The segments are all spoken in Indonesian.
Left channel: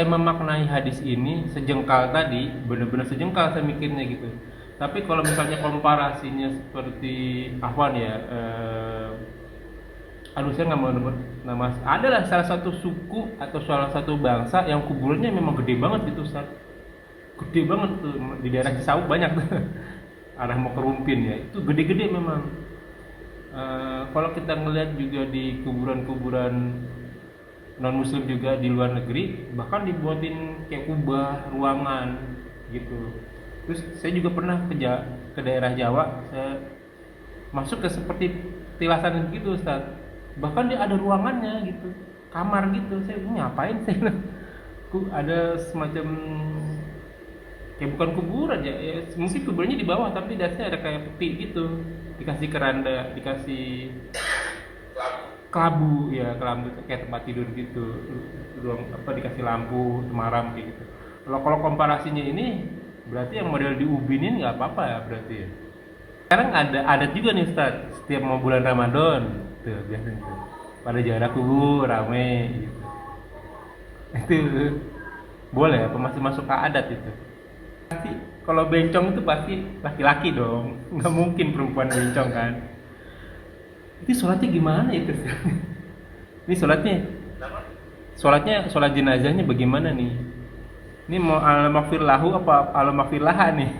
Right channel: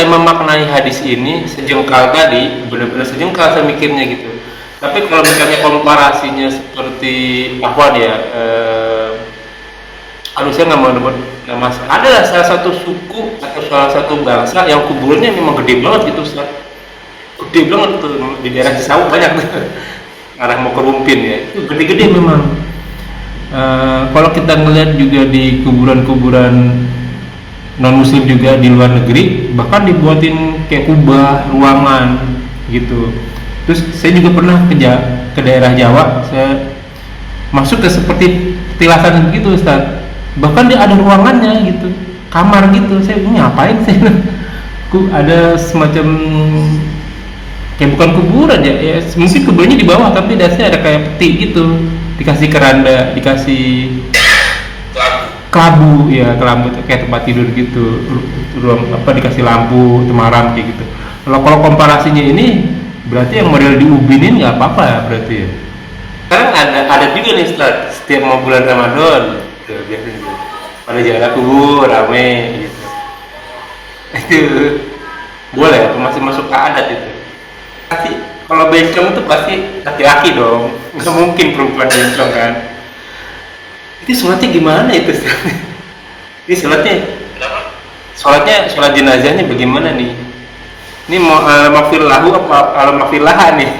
saya memaknai hadis ini sejengkal tadi, benar-benar sejengkal saya mikirnya gitu. Tapi kalau misalnya komparasinya seperti apa ya, aduh saya nggak mau nyebut nama. Ada lah salah satu suku atau salah satu bangsa yang kuburannya memang gede banget gitu, Ustaz. Gede banget tuh di daerah Cisauk banyak tuh. Arah mau ke Rumpin ya, itu gede-gede memang. Kalau kita ngelihat juga di kuburan-kuburan non muslim juga di luar negeri, bahkan dibuatin kayak kubah ruangan gitu. Terus saya juga pernah ke daerah Jawa, saya masuk ke seperti petilasan begitu, Ustaz. Bahkan dia ada ruangannya gitu, kamar gitu. Saya ini ngapain sih? Ada semacam kayak bukan kuburan ya, ya mungkin kuburannya di bawah tapi dasarnya ada kayak peti gitu, dikasih keranda, dikasih kelabu ya, kelabu tuh kayak tempat tidur gitu, ruang apa, dikasih lampu temaram kayak gitu. Kalau komparasinya ini berarti yang model di Ubin ini nggak apa-apa ya berarti ya. Sekarang ada juga nih Ustaz, setiap mau bulan Ramadan tuh biasanya tuh pada jalan kubur rame gitu. Itu boleh apa masih masuk ke adat itu? Pasti kalau bencong itu pasti laki-laki dong, nggak mungkin perempuan bencong kan. Itu sholatnya gimana itu? Ini sholat jenazahnya bagaimana nih? Ini mau maghfir lahu apa maghfir laha nih?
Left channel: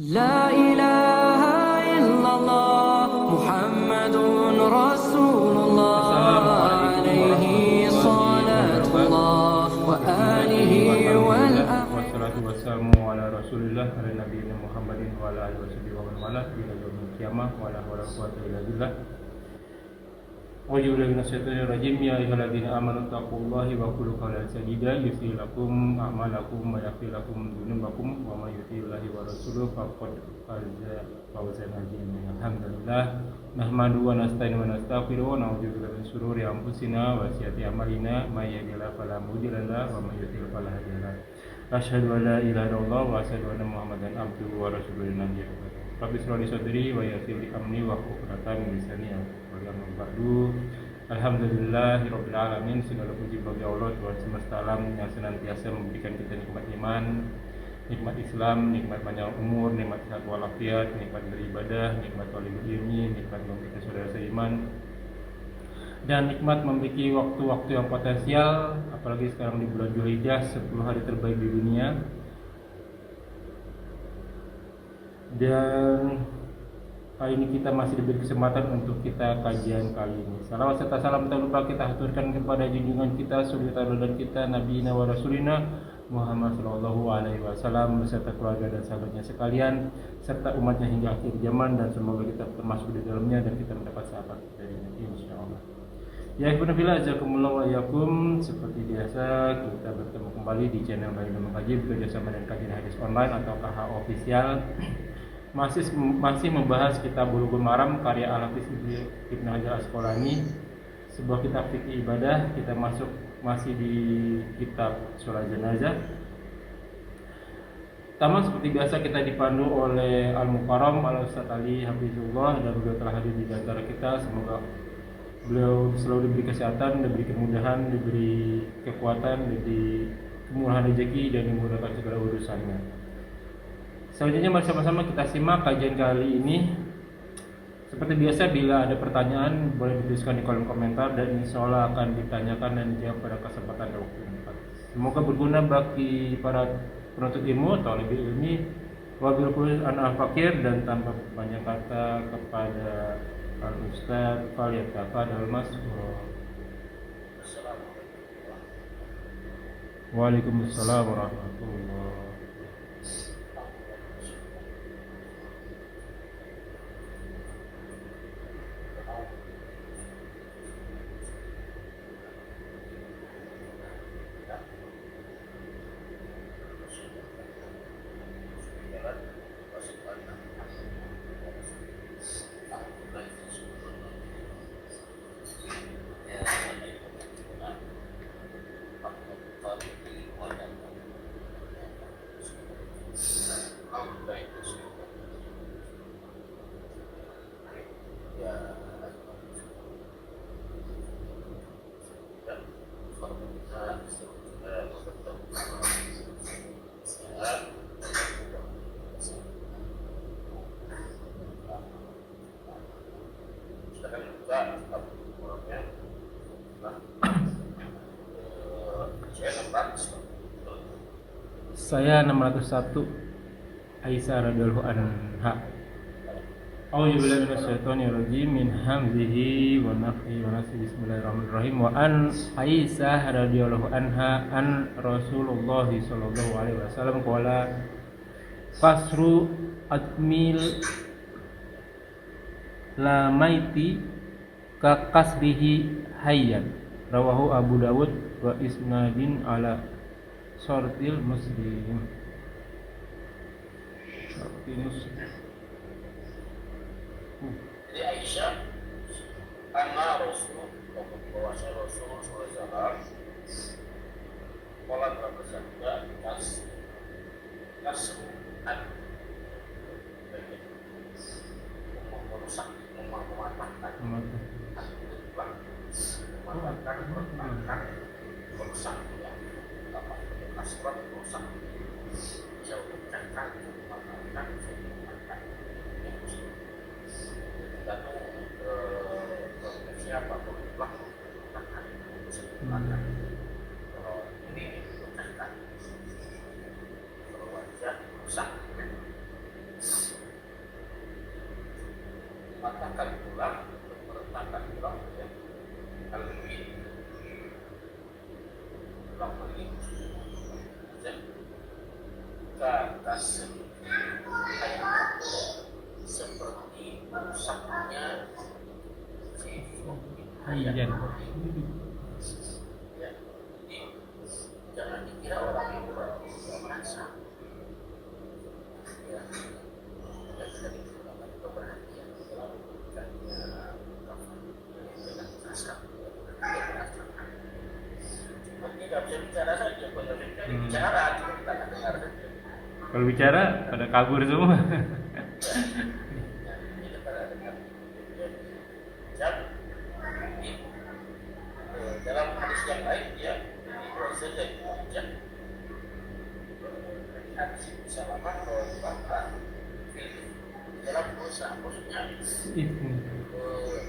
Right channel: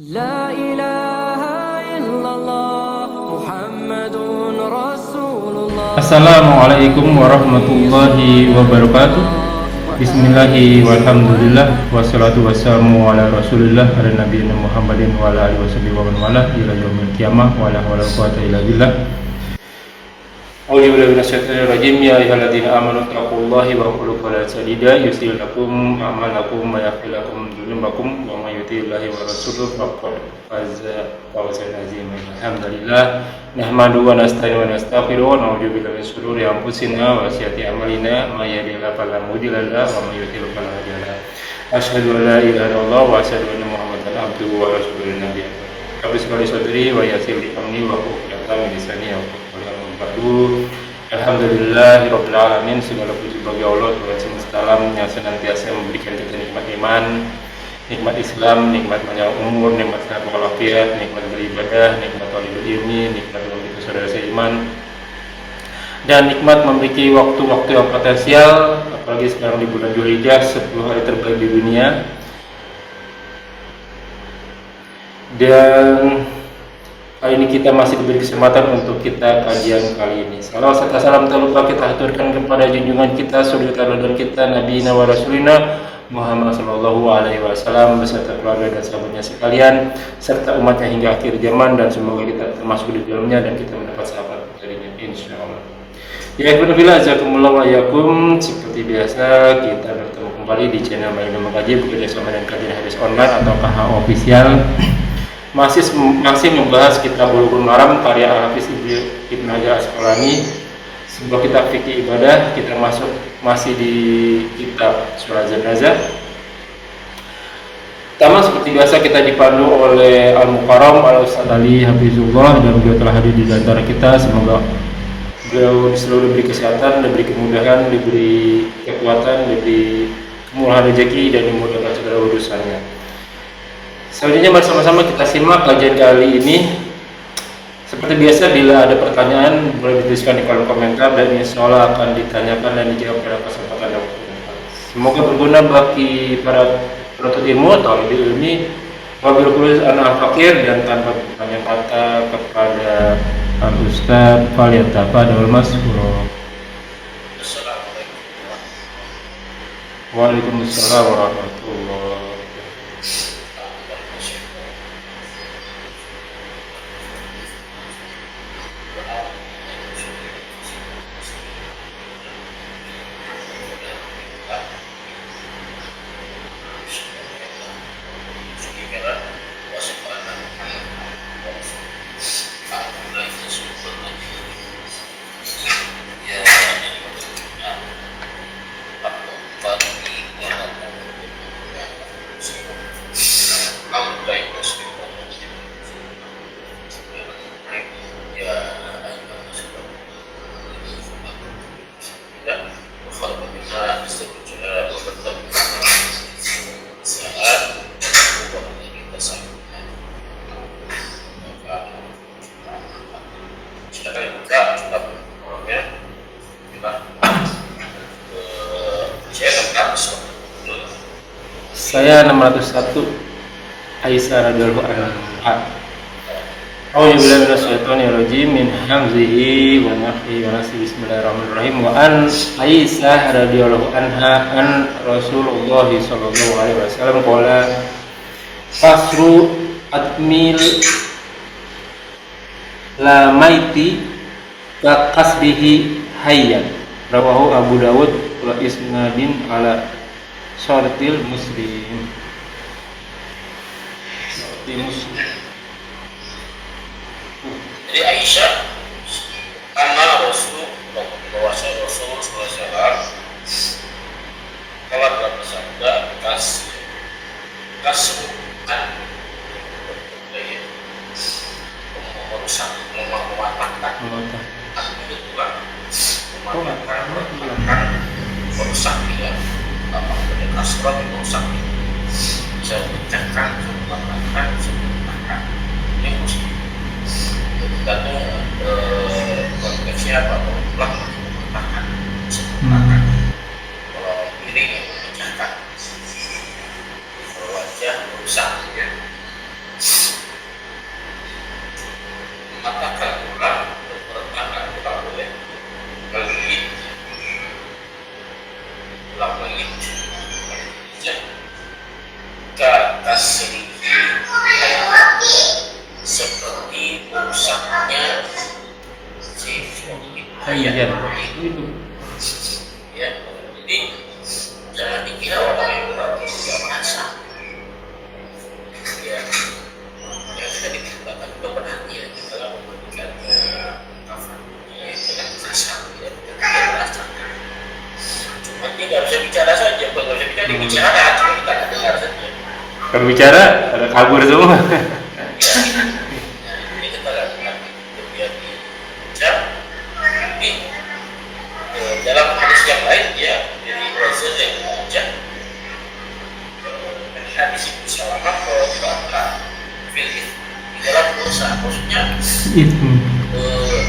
لا إله إلا الله محمد رسول الله. Assalamualaikum warahmatullahi wabarakatuh. Bismillahi walhamdulillah wassalatu wassalamu ala rasulillah ala nabiyina Muhammadin wa ala alihi washabihi wa man wala ila yaumil qiyamah wa la haula wala quwwata illa billah. A'udzu billahi minasyaitonir rajim. Ya ayyuhalladzina amanu taqullaha wa qulu qawlan sadida yuslih lakum a'malakum wa yaghfir lakum dzunubakum wa may yuti'illahi wa rasulahu faqad faza fawzan 'aziman. Alhamdulillah nahmaduhu wa nasta'inu wa nastaghfiruh wa na'udzu billahi min shururi anfusina wa sayyiati a'malina may yahdihillahu fala mudilla lahu wa may yudlil fala hadiya lahu. Asyhadu an la ilaha illallah wa asyhadu anna Muhammadan abduhu wa rasuluhu nabiy. Rabbi shrah li sadri wa yassir li amri wa hlul 'uqdatam min lisani yafqahu qawli. Alhamdulillahirabbil alamin. Segala puji bagi Allah Tuhan semesta alam yang senantiasa memberikan kita nikmat iman, nikmat Islam, nikmat panjang umur, nikmat sehat walafiat, nikmat beribadah, nikmat talibul ilmi, nikmat memiliki saudara seiman, dan nikmat memiliki waktu-waktu yang potensial, apalagi sekarang di bulan Dzulhijjah, 10 hari terbaik di dunia. Dan kali ini kita masih diberi kesempatan untuk kita kajian kali ini. Salawat serta salam tak lupa kita haturkan kepada junjungan kita, suri teladan kita, Nabi wa Rasulina Muhammad sallallahu alaihi wasallam beserta keluarga dan sahabatnya sekalian, serta umatnya hingga akhir zaman, dan semoga kita termasuk di dalamnya dan kita mendapat sahabat darinya insyaallah. Ya alhamdulillah, jazakumullah wa yakum. Seperti biasa kita bertemu kembali di channel Baginda Mengkaji Buku Dasar dan Kajian Hadis Online atau KH Official. Masih membahas kitab Bulughul Maram karya Al-Hafiz Ibnu Hajar Asqalani, sebuah kitab fikih ibadah. Kita masih di kitab Sholat Jenazah. Pertama seperti biasa kita dipandu oleh Al-Mukarram Al-Ustadz Ali Hafizullah, dan beliau telah hadir di antara kita. Semoga beliau selalu diberi kesehatan, diberi kemudahan, diberi kekuatan, diberi kemurahan rezeki, dan dimudahkan segala urusannya. Selanjutnya mari sama-sama kita simak kajian kali ini. Seperti biasa, bila ada pertanyaan boleh dituliskan di kolom komentar, dan insya Allah akan ditanyakan dan dijawab pada kesempatan yang waktu. Semoga berguna bagi para penuntut ilmu atau lebih ilmi. Wabil khusus anak fakir, dan tanpa banyak kata kepada Al Ustaz Falyatafadhal Mashkura. Waalaikumsalam warahmatullahi wabarakatuh. Nah, setuju betul. Saat bukan kita sama. Maka silakan buka kitab orangnya. Kita saya 600. Saya 601 Aisyah radhiyallahu anha. A'udzubillahi minasyaitonir rajim min hamzihi wa nafthihi wa nafsihi. Bismillahirrahmanirrahim. Wa an Aisyah radhiyallahu anha an Rasulullah sallallahu alaihi wasallam qala fasru atmil la maiti ka qasdihi hayyan. Rawahu Abu Dawud wa isnadin ala syartil Muslim. Di Muslim. Jadi Aisyah karena Rasul bahwasanya Rasul SAW telah bersabda kasbukan merusak mematahkan itu tulang mematahkan merusak dia apa kasrat merusak bisa memecahkan mematahkan mematahkan ini muslim tergantung konteksnya apa pelan mematahkan mematahkan kalau ini yang memecahkan kalau wajah merusak ya mematahkan tulang meretakkan tulang boleh kalau ini tulang lagi kata sedikit seperti rusaknya si hayat itu. Ya, jadi jangan dikira orang yang berarti tidak merasa. Ya, yang sudah dikatakan itu perhatian dalam memberikan kafan. Ya, tidak merasa, ya, tidak merasa. Cuma dia nggak bisa bicara saja, kalau nggak bisa bicara dia bicara, cuma kita nggak dengar saja. Kalau bicara pada kabur semua. Ini kita lakukan kemudian jam ini dalam hadis yang lain ya dari Rasul yang baca hadis Ibnu Salamah bahwa kita di dalam dosa maksudnya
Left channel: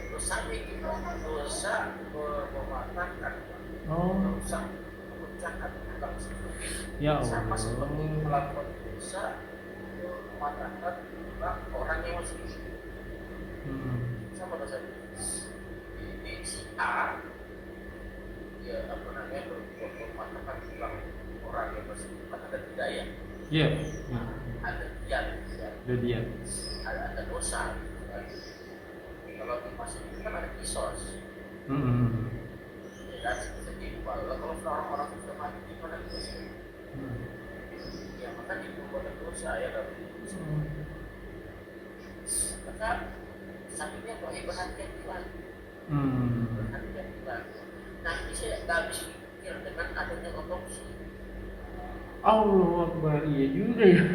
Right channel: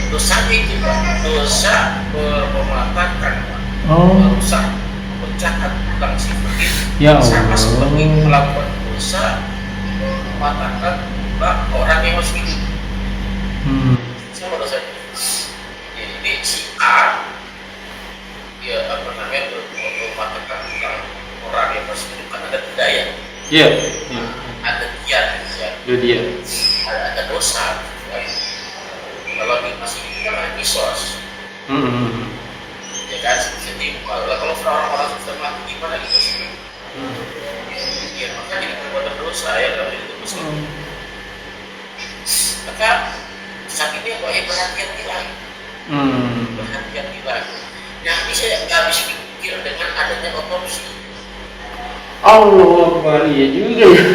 dosa itu Pak dosa mematahkan merusak memecahkan tulang seperti Ya sama seperti Allah. melakukan dosa mematahkan orang yang masih hidup. Sama dosanya. Jadi si A dia apa namanya mematahkan orang yang masih hidup kan ada budaya. Iya. Ada kiat ya. Itu dia. Ada dosa. Kan? Kalau dia masih hidup kan ada kisos. Ya kan. Jadi kalau orang-orang sudah mati gimana gitu sih? Ya maka jadi perbuatan dosa ya kalau itu muslim. Maka saat ini kok berhati-hatilah. Berhati-hatilah. Nah ini saya nggak habis pikir dengan adanya otopsi. Allah Akbar, iya juga ya.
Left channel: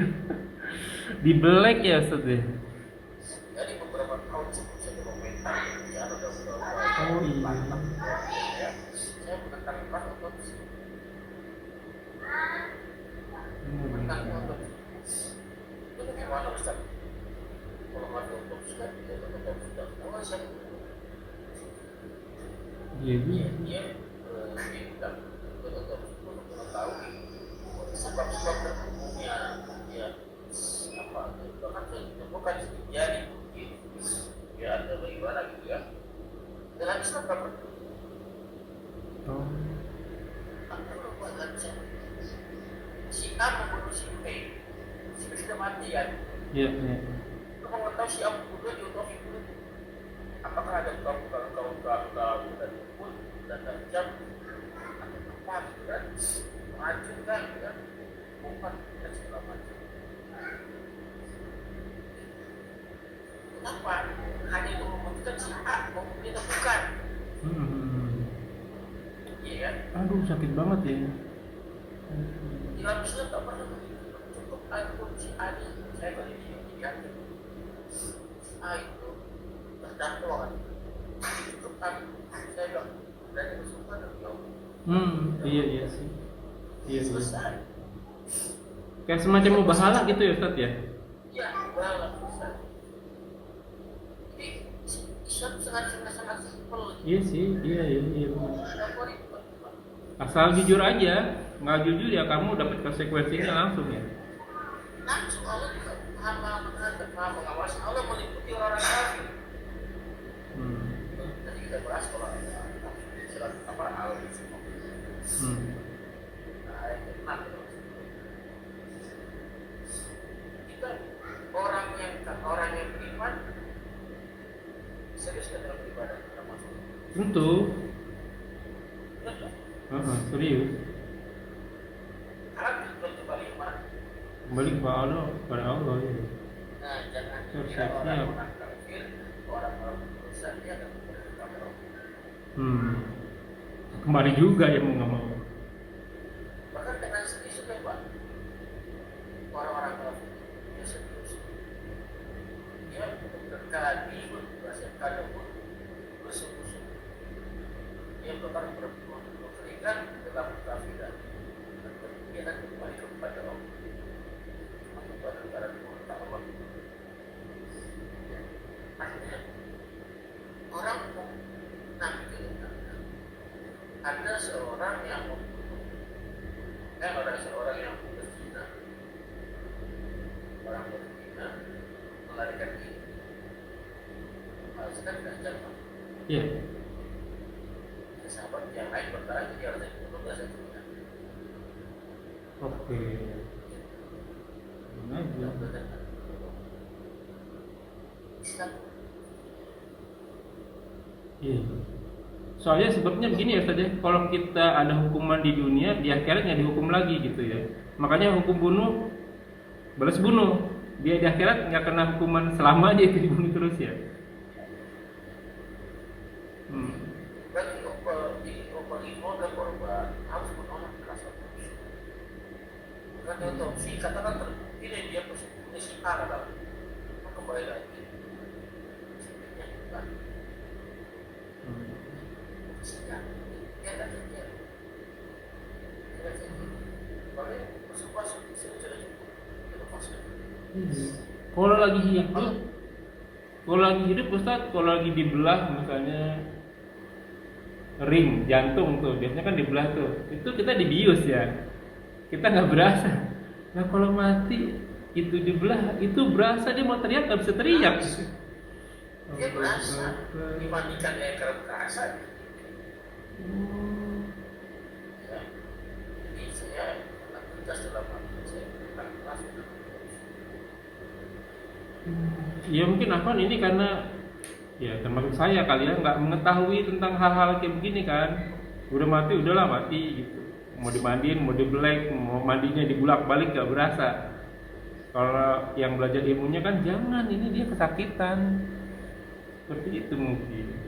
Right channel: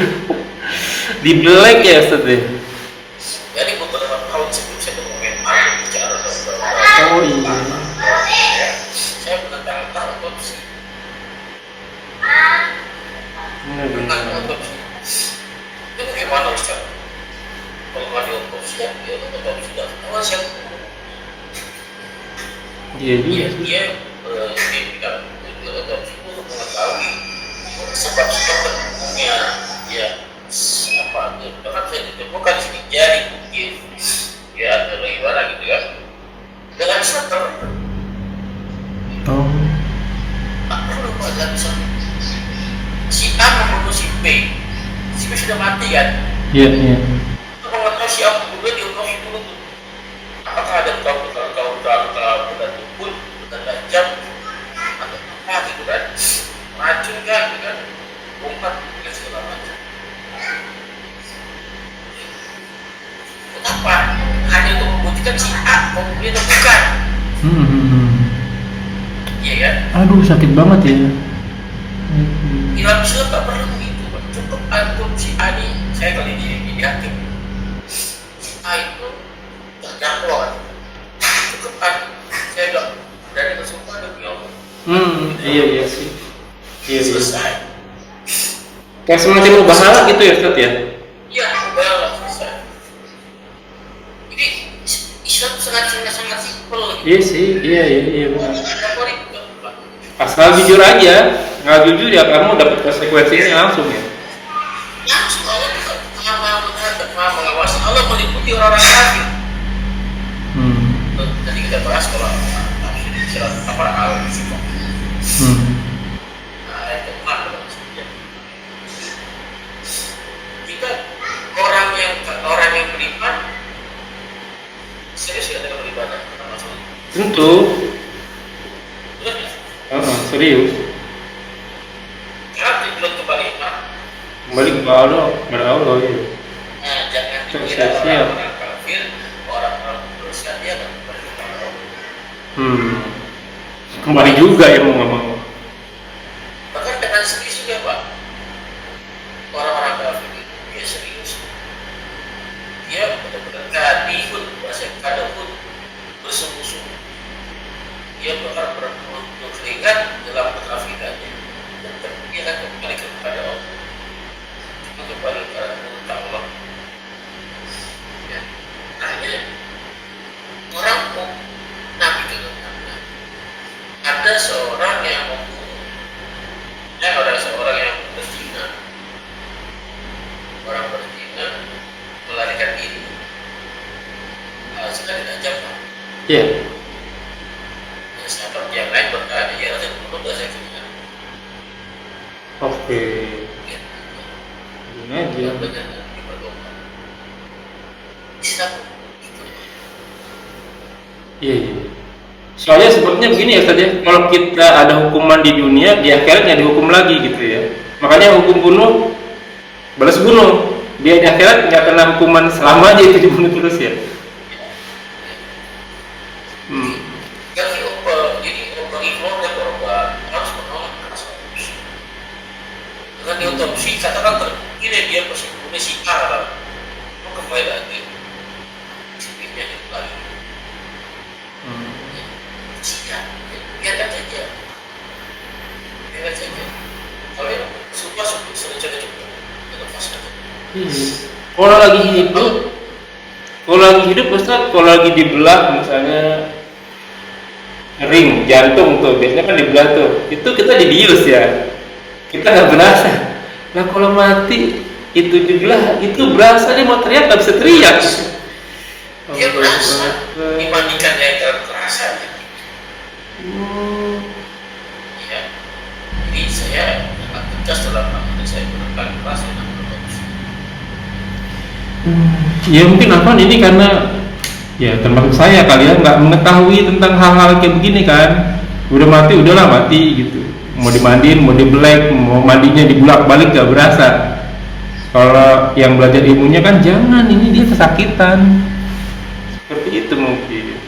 Di black ya Ustaz ya? Jadi beberapa tahun sebelum saya berkomentar bicara Oh iya. ya, saya menentang otopsi. Tentang otopsi. Itu bagaimana Ustaz? Kalau nggak diotopsi ya, otopsi nggak tahu siapa. Iya juga. Dia tidak otopsi itu untuk mengetahui sebab-sebab terbunuhnya ya apa bahkan saya ditemukan di sini jari mungkin ya atau bagaimana gitu kan dengan seter tak perlu Pak dalam bisa si A membunuh si B sudah mati kan Iya. untuk mengetahui si A membunuh di otopsi dulu tuh apakah ada luka dan tumpul dan tajam atau apa gitu kan racun kan gitu kan bongkar dan segala macam. Kenapa? Hanya untuk membuktikan si A pembeli atau bukan? Iya kan? Aduh sakit banget ya. Dalam Islam tak perlu begitu. Cukup antum si A ini, saya kali ini hakim. Si A itu terdakwa. Cukup saya bilang dari bersumpah demi Allah. Iya sih. Iya. Selesai. Kayak semacam bahala gitu ya Ustaz ya? Iya, udah selesai. Jadi Islam sangat simpel. Iya sih, iya benar. Apa ribet, Pak? Asal jujur aja, nggak jujur ya kamu dapat konsekuensinya langsung ya. Langsung Allah tidak maha mengawasi. Allah meliputi orang-orang kafir. Tadi kita bahas kalau surat apa al-Sifat. Ayat ke-6 kita orang yang beriman serius ya dengan beribadah. Tentu. Betul ya? Serius. Karena belum kembali iman. Kembali ke Allah, kepada Allah ya. Nah, jangan dikira Siap. orang-orang kafir, orang-orang berdosa dia akan kembali kepada Allah. Kembali juga ya mau nggak mau. Bahkan dengan serius juga Pak. Orang-orang kafir itu dia serius. Dia benar-benar kadihun, bahasa kadahun bersungguh-sungguh. Dia bakal berkeringat dalam kekafirannya. Dan dia akan kembali kepada Allah. Cuma kembali kepada Allah. Ya. Nah ini orang Nabi itu ada seorang yang membunuh, ada seorang yang berzina, orang berzina melarikan diri. Sekarang tidak jawab. Iya. Ya, sahabat yang lain berkata, ya Rasul bunuh saya kena. Oke. Ya, Gini aja. benar diperlukan. Islam itu. Iya. Soalnya sepertinya begini ya Ustaz ya, kalau kita ada hukuman di dunia, di akhirat nggak dihukum lagi gitu ya. Makanya hukum bunuh, balas bunuh. Dia di akhirat nggak kena hukuman selama aja itu dibunuh terus ya. Jadi bagi keluarga korban harus menolak keras otopsi. Dengan diotopsi katakan terbukti dia pasti membunuh si A lah. Mau kembali lagi, sipirnya itu lagi. Siap, biarkan saja. Kalau yang suka sering cepat lepas saja. Kalau lagi hidup Ustaz, kalau lagi dibelah misalnya ring jantung tuh biasanya kan dibelah tuh, itu kita dibius ya, kita nggak berasa. Nah kalau mati itu dibelah, itu berasa, dia mau teriak nggak bisa teriak. Dia berasa dibandingkan yang terasa. Ya, jadi saya sangat tegas dalam hal ini, saya gunakan keras yang otopsi. Ya mungkin apa ini karena ya termasuk saya kali ya nggak mengetahui tentang hal-hal kayak begini kan. Udah mati udahlah mati gitu, mau dimandiin mau dibelek mau mandinya dibulak balik nggak berasa. Kalau yang belajar ilmunya kan jangan, ini dia kesakitan seperti itu mungkin.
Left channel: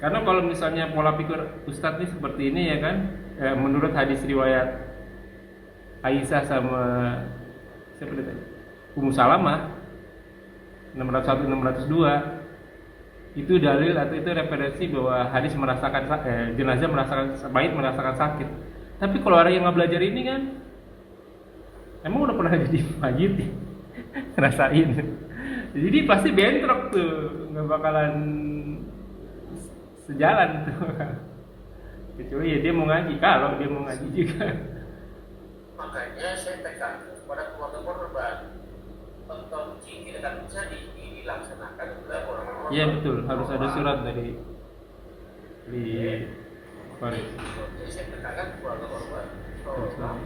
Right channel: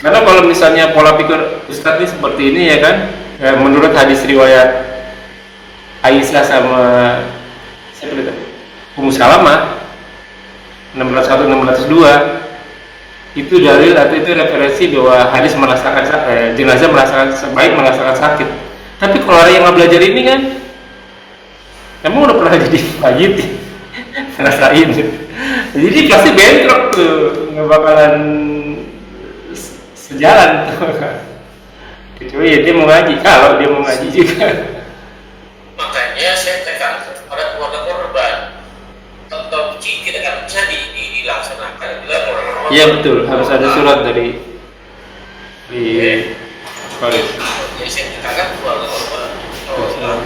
Karena kalau misalnya pola pikir Ustadz ini seperti ini ya kan, ya, menurut hadis riwayat Aisyah sama siapa itu? Ummu Salamah 601 602 itu dalil atau itu referensi bahwa hadis merasakan jenazah merasakan sakit. Tapi kalau orang yang nggak belajar ini kan, emang udah pernah jadi wajib ngerasain, jadi pasti bentrok tuh, nggak bakalan sejalan tuh. Kecuali ya dia mau ngaji, kalau dia mau ngaji juga. Makanya saya tekankan kepada keluarga korban, otopsi tidak akan bisa dilaksanakan bila orang-orang. Iya betul, harus ada surat dari Paris. Jadi saya tekankan keluarga korban.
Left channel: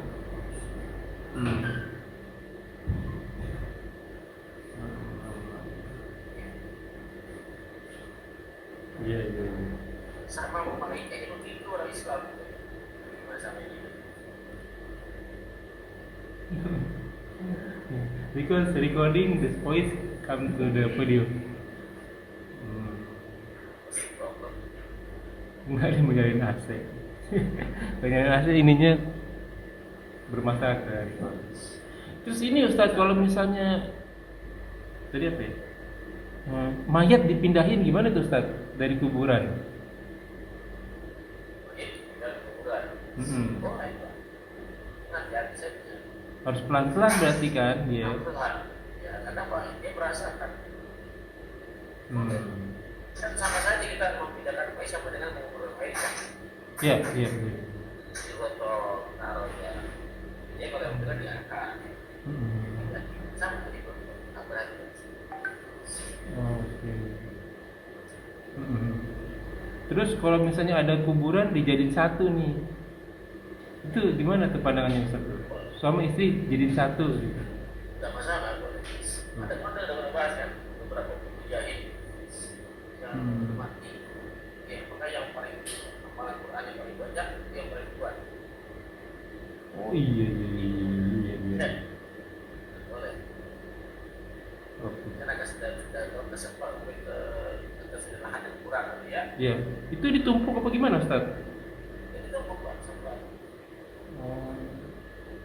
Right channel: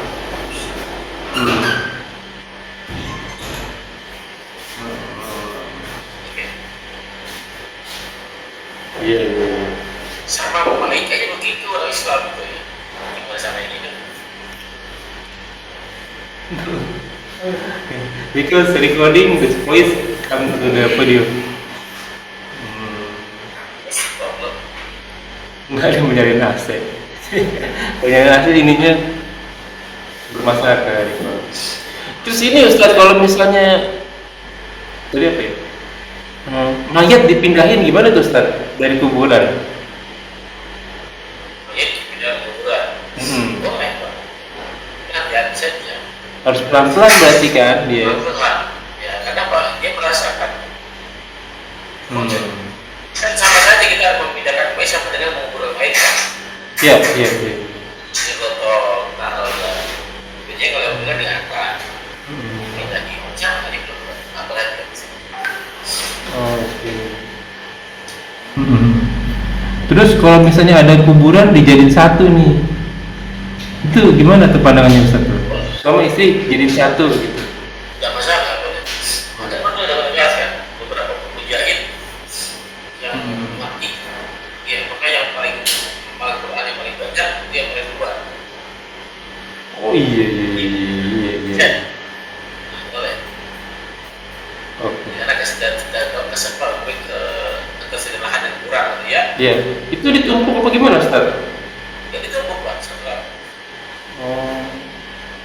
Iya. Sama baik kayak begitu orang Islam itu ya. Gimana sama ini kan? Because recording this voice come to the video. Nggak ada mencari AC. Mencari AC ininya bermasalah kan. Terus ini Ustaz, kalau misalnya tadi apa ya? Mayat dipindahin gimana tuh Ustaz dari kuburan? Harus pelan-pelan berarti kan dia. pelan-pelan. Ya, karena apa? Dia merasakan. Hmm. Kan sama saja kita memindahkan mayat sama dengan mengubur mayat kan. Iya, iya, iya. Digotong, taruh lah. Biasanya kalau yang bilang diangkat. Hmm. Ini lagi macam tadi belum. Apalagi kan. Oke. Hmm. Terus kalau misalnya ada kuburan dijadiin satu nih, itu gimana tuh pandangannya Ustaz? Sama istri jadiin satu gitu. Tidak masalah boleh. Ada pun ada menjelaskan beberapa mujahid yang mati. Ya, maka yang paling Al-Quran yang paling banyak dia yang paling keluar. Oh iya, iya, iya, iya, iya. Ya, boleh. Oke. Karena kesempatan kesederhanaan yang kurang, gitu ya. Iya. Itu ditumpuk apa gimana Ustaz? Ya itu membuat setelah Oh.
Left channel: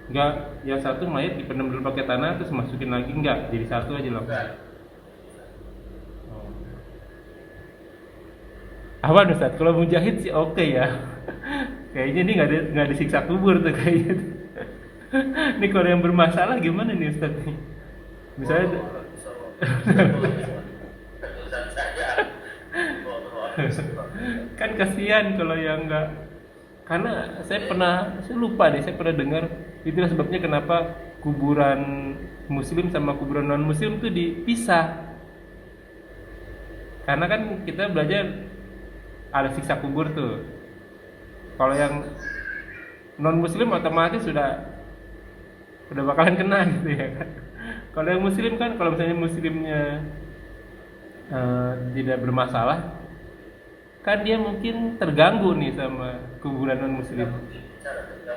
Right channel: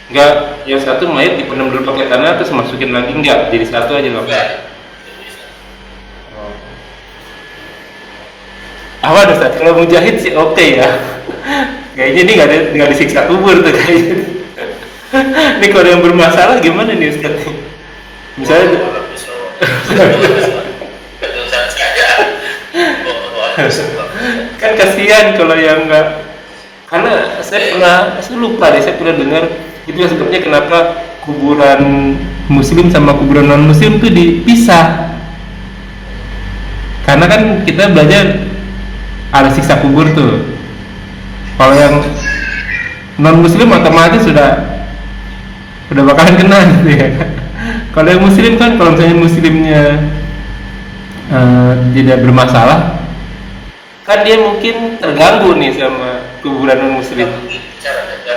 Enggak, yang satu mayat dipendam dulu pakai tanah terus masukin lagi enggak, jadi satu aja loh. juga itu bisa. Oh. Awan Ustaz, kalau mujahid sih oke ya. Kayaknya ini nggak disiksa kubur tuh kayaknya. Ini kalau yang bermasalah gimana nih Ustaz? Misalnya Ketulisan saja. kan kasihan kalau yang enggak, karena saya lupa deh, saya pernah dengar itu yang sebabnya kenapa kuburan muslim sama kuburan non muslim tuh dipisah, karena kan kita belajar ada siksa kubur tuh. Kalau yang non muslim otomatis sudah bakalan kena gitu ya. Kalau yang muslim kan, kalau misalnya muslimnya tidak bermasalah, kan dia mungkin terganggu nih sama kuburan non muslim.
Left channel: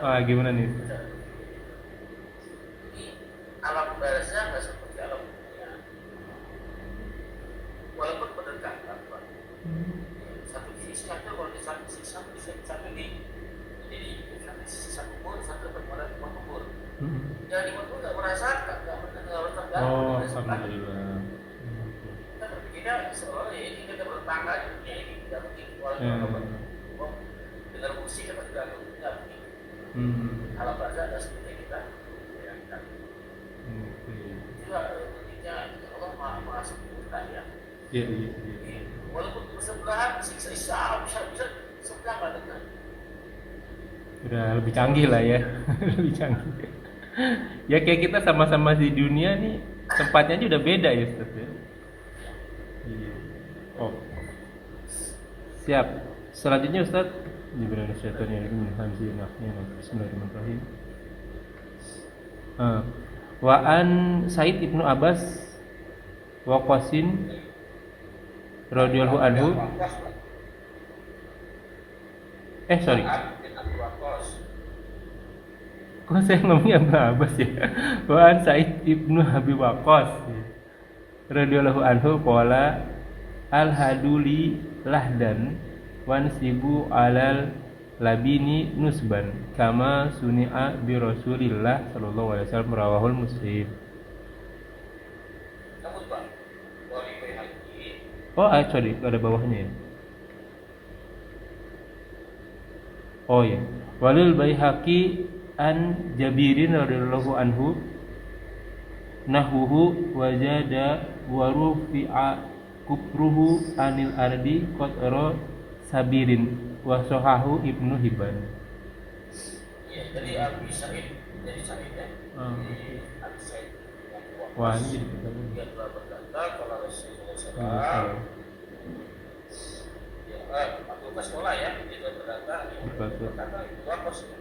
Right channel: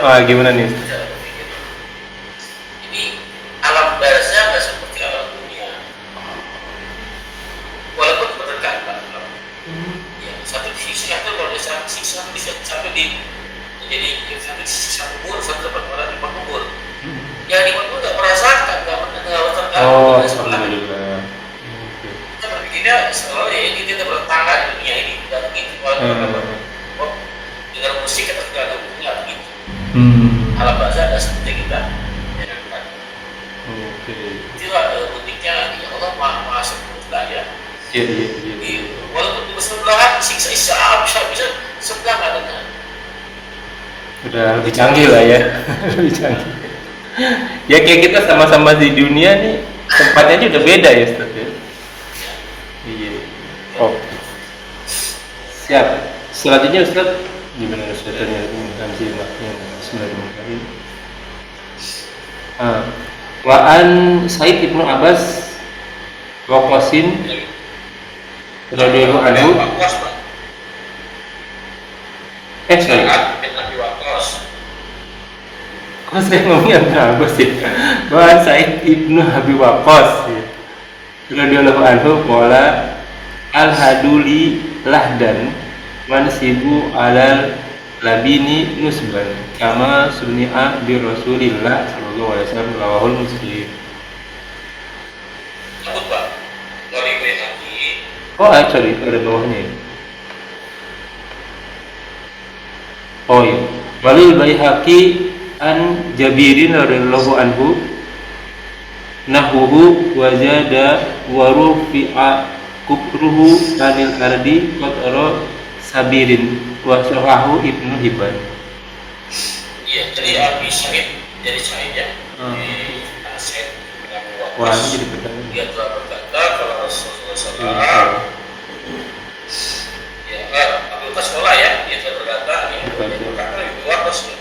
Wah, gimana nih? Ini alam barzah nggak seperti alam dunia. Walaupun berdekatan. Ya, satu disiksa itu kalau dia siksa bisa sampai jadi satu disiksa kubur, satu dapat orang di kubur. Yang di kubur nggak merasakan, nggak terganggu. Oh, dengan sebelah. alhamdulillah. Kita berpikirnya seolah ya ini kita bertangga di dunia ini, nggak begitu. Dengan musik kita terganggu, nggak begitu. Alam barzah ada seperti kita bayangkan. Oke. Itulah uniknya ya Allah maha sempurna ya. Iya, iya, iya. Jadi, walaupun di sebelahan siksa bisa sebelah nggak dengar. Udah lebih canggih lah ya. Lebih canggih. Ya kayak kita sama-sama di dunia nih, tempatnya aja udah beda ya Ustaz ya. Iya. Oh. Siap. Selanjutnya Ustaz, gimana Ustaznya ini kasih maknya Bismillahirrahmanirrahim. Wa an Said ibnu Abbas wa Qasim radhiyallahu anhu. Waqqas, Pak. Sorry. Bin Abi Waqqas. Kok saya ngomongnya Ibnu Abbas ya? Wa an Said ibnu Abi Waqqas radhiyallahu anhu qala al-haduli lahdan mansibu alal labini nusban kama suni'a bi Rasulillah sallallahu alaihi wasallam rawahul Muslim. Nyebut, Pak. Wali Baihaqi. Oh, sorry, ada bawahnya ya. Oh iya. Walil Baihaqi an Jabirin radhiyallahu anhu nahuhu wajada wa rufi'a kubruhu anil ardi qatara sabirin wa sahahu Ibnu Hibban. Iya, jadi Abi Sa'id jadi Sa'id ya. Di Sa'id bin Abi Wah, Waqqas. ini jadi pertanyaan. Dia telah berkata kalau Rasulullah SAW ya, Abu Qasim ya, dia telah berkata ya, dia berkata Ibnu Waqqas ya.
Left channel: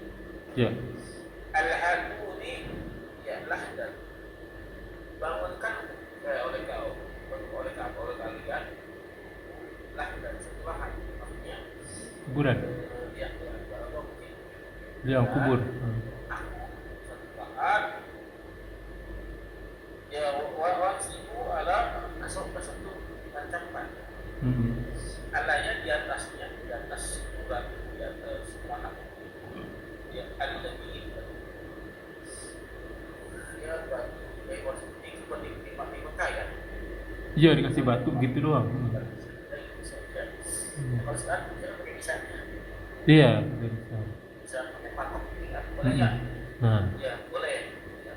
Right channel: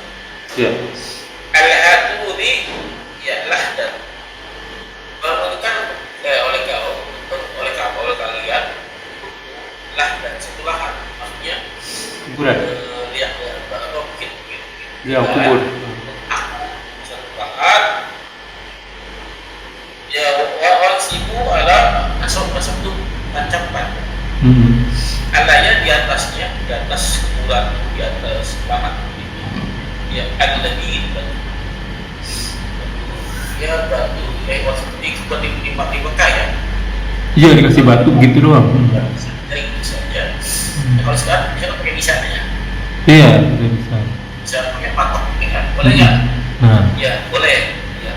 Ya. Al-haduli ya lahdan. Bangunkan oleh kalian lahdan satu lahan, maksudnya Kuburan. lihat mungkin Dia kubur. satu lahan ya wal sibu ala asal itu tancapkan alanya di atas kuburan, di atas lahan itu ya al-ladin ya batu ya seperti di Mekah ya. Iya, dikasih batu gitu doang. Dari itu saja. Ya, kalau sekarang bisa pakai misalnya, Iya, bisa. bisa pakai patok, ya kan? Boleh nggak? Nah, Ya boleh. Ya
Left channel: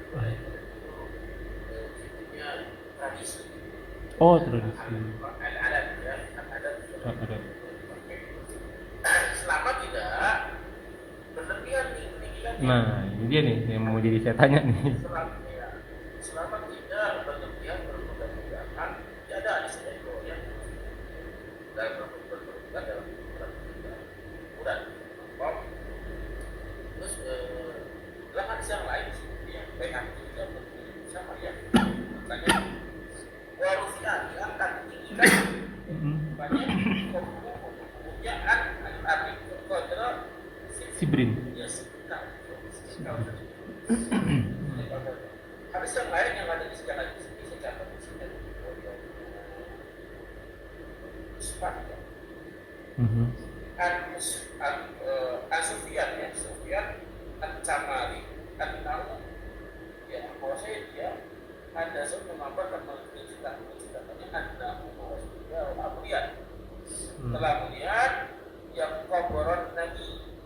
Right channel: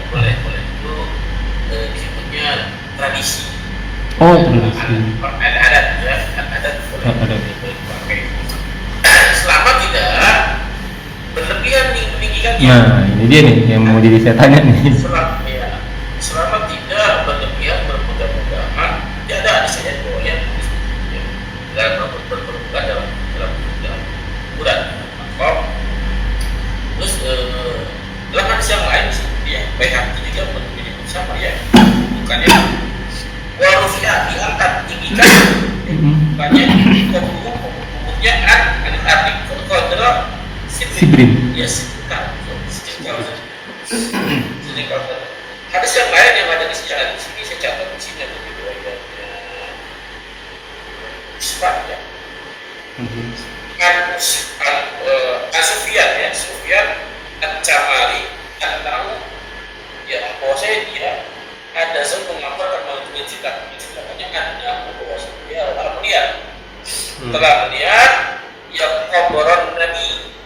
Oh, tradisi. Adat ya, adat Ada. boleh dipakai. Selama tidak berlebihan nih peninggikannya. Nah, ini dia nih yang mau jadi saya tanya nih. Selama tidak berlebihan bermudah-mudahan, ya ada saya boleh ya, dalam berbulan dalam bulan makom. Terus dalam hadis yang lain sih, ya baik hati juga menyebut sama ya, bukannya warufiah diangkat tinggikan, bukannya kubuknya adik kodra Sibrin. ya sidikal. Hadis yang lain yang ada di sini saya catat di sini ada riwayatnya Isfah ya. Sufyan ya, Sufyan At-Camari tahu ya bahwasanya dia ada seorang mengabarkan menceritakannya ada bahwasanya dia telah melihat yang kuburan Nabi,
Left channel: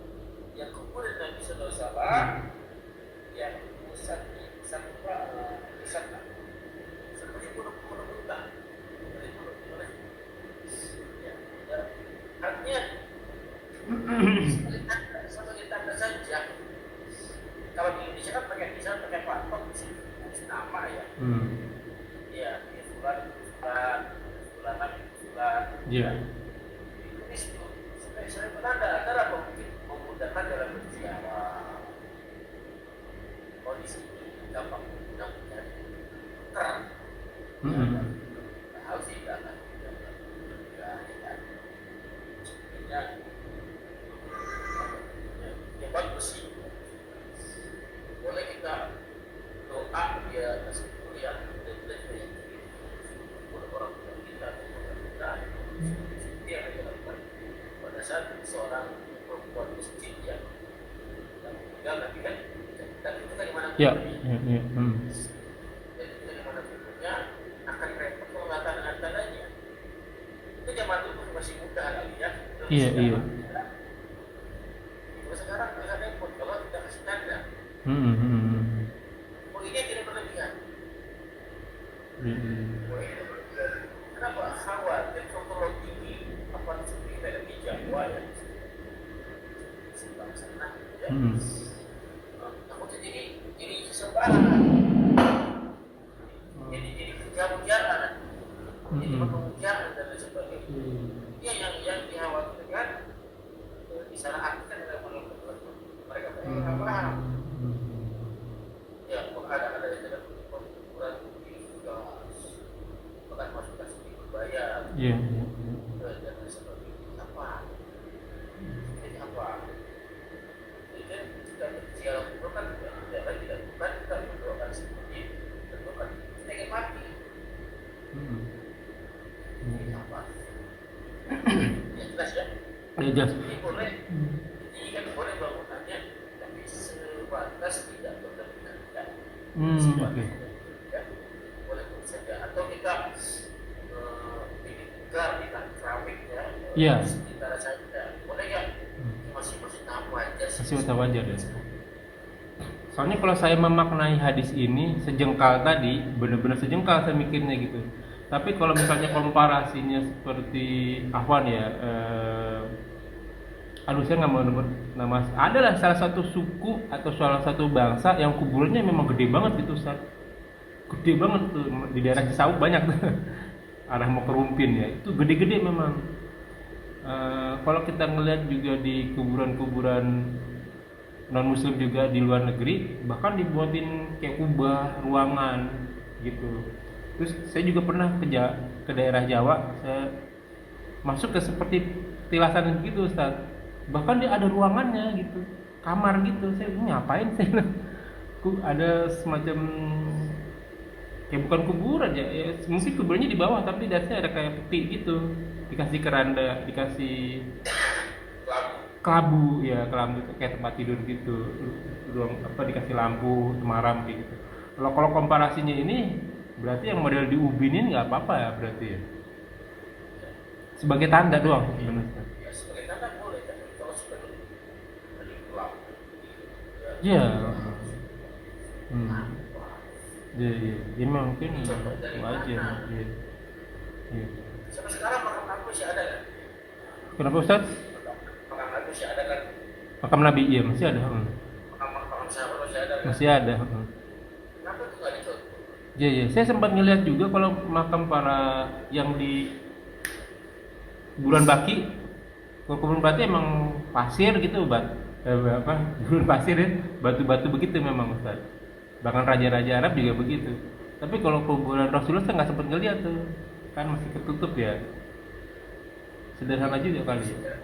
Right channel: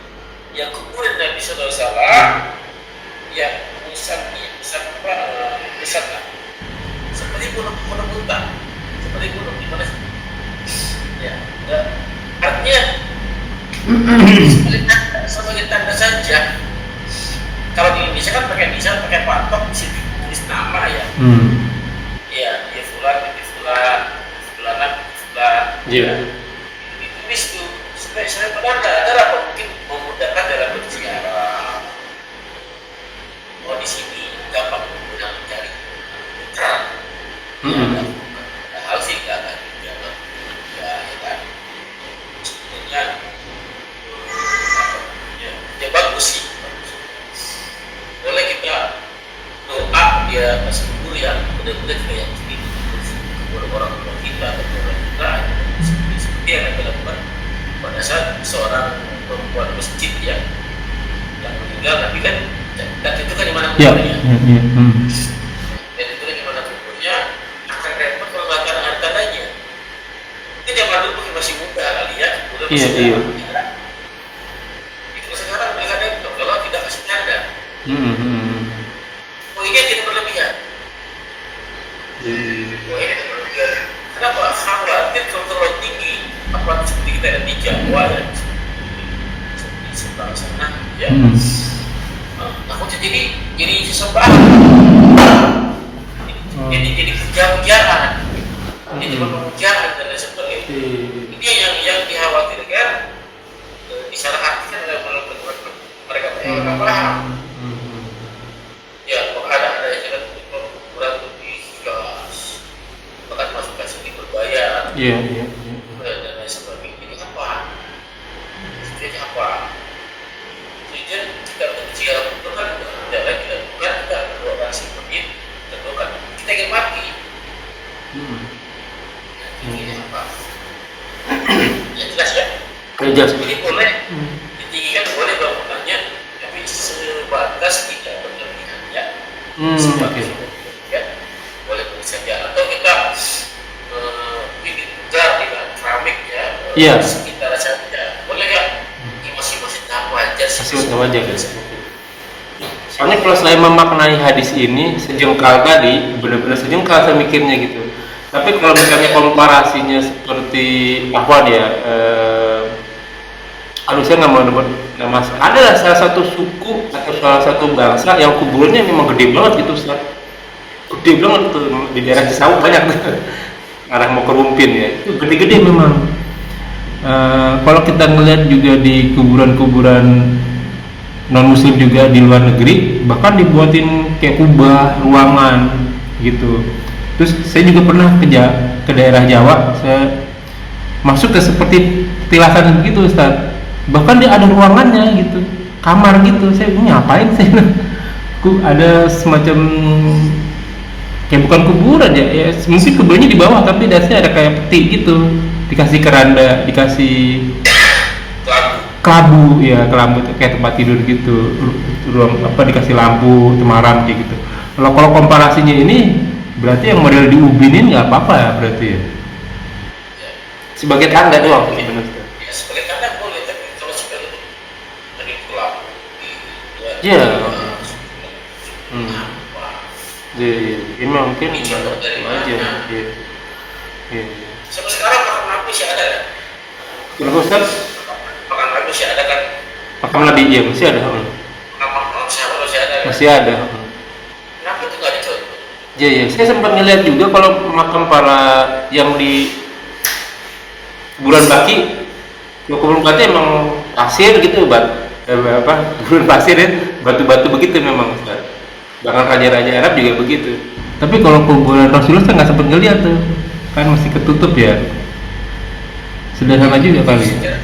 yang kuburan Nabi Sallallahu Alaihi Wasallam yang misalnya seperti gunung muntah, seperti gunung di mana ya, artinya sebagai tanda saja. Kalau di Indonesia kan pakai nisan, pakai patok, tulis nama ya. Ya, dia fulan, fulan. Iya. Ditulis tuh. Saya padahal nggak ada apa mungkin memudahkan dalam berziarah. Oh di sini gampang mudah mencari. Hal sih nggak akan dijaga. Ya kan. Sebenarnya ya bagus sih. Boleh kita doa dia masih kubur yang benar-benar kita yakini kubur orang tua kita atau orang kita seperti yang kita lakukan pada saat seorang perempuan masjid ya yang meninggal tapi kan dan itu kan di mana kuburnya dan itu kan di mana kuburnya akan repot kalau nggak ada tandanya. Mungkin zaman dulu masih muda kali ya kuburnya masih ada. Itu sekarang mereka repot kalau tidak kasih tanda. Poinnya tidak berlebihan. Poinnya tidak berlebihan. Kenapa? Khawatir kalau terlalu tinggi, apalagi seperti kita ada di Jawa ya, seperti sebelah sana, ya. Takutnya jadi sesembahan. Jadi puja-pujaan. Jadi pemujaan dan lain sebagainya. Ini yang dikhawatirkan. Disalah artikan oleh mereka paham. Ya, ada jalan kurang lebih gas, bahkan masuk ke sini berbayar. Iya. Dan lain sebagainya. Ini apa? Jadi apa? Jadi kita berbicara itu kan tidak lagi dilakukan kita berdoa seperti tentu kan kita ingin mati. Ini apa? Ya jelas ya. Jelas. Ini boleh ditinggikan boleh bangunannya, tapi sebatas tidak berlebihan ya. Oke. Ya, boleh saja. Atau kita bikin jar dengan keramik ya. Iya. Sekitar saja. Boleh nggak? Ini masih tahap wajar sih. Masih wajar guys. Soalnya kalau saya memaknai hadis ini sejengkal tadi, benar-benar sejengkal saya mikirnya gitu. Tapi kalau misalnya komparasinya seperti Ahwan ya, aduh saya nggak mau nyebut nama. Ada salah satu suku atau salah satu bangsa yang kuburnya memang gede banget gitu, Ustaz. Gede banget tuh di daerah Cisauk banyak tuh. Arah mau ke Rumpin ya, itu gede-gede memang. Kalau kita ngeliat juga di kuburan-kuburan non muslim juga di luar negeri, bahkan dibuatin kayak kubah ruangan gitu. Terus saya juga pernah ke daerah Jawa, saya masuk ke seperti tilasan gitu, Ustaz. Bahkan dia ada ruangannya gitu, kamar gitu. Saya ngapain sih? Ada semacam kayak bukan kuburan ya, mungkin kuburannya di bawah tapi dasarnya ada kayak peti gitu, dikasih keranda, dikasih kelabu ya, kelabu kayak tempat tidur gitu, ruang dikasih lampu cemaran kayak gitu. Kalau komparasinya ini berarti yang model diubinin nggak apa-apa ya berarti ya, sebagai tanda doang sebenarnya. Ya sebagai tanda boleh, tapi kalau sebagai tadi gelap Iya. Iya, ini mungkin Ini contoh dari aja. mana? Iya. Iya. Sampai sekarang makam Nabi masih ada kan? Kenapa Ustaz? Makam Nabi masih ada kan? Makam Nabi iya masih ada. Makam sahabat masih ada kan? Masih ada. Kenapa itu nggak dicontoh? Iya, iya. Saya sempat ngeliat juga kalau makam para yang di Bulan Baki, Kuburan Baki emang pasir gitu, bulan pasir ya, batu-batu begitu memang Ustaz. Bahkan raja-raja Arab juga begitu. Tapi kalau kuburan Rasulullah saya nggak sempat ngeliat tuh, kan masih ketutup ya. Sederhana juga kali ya.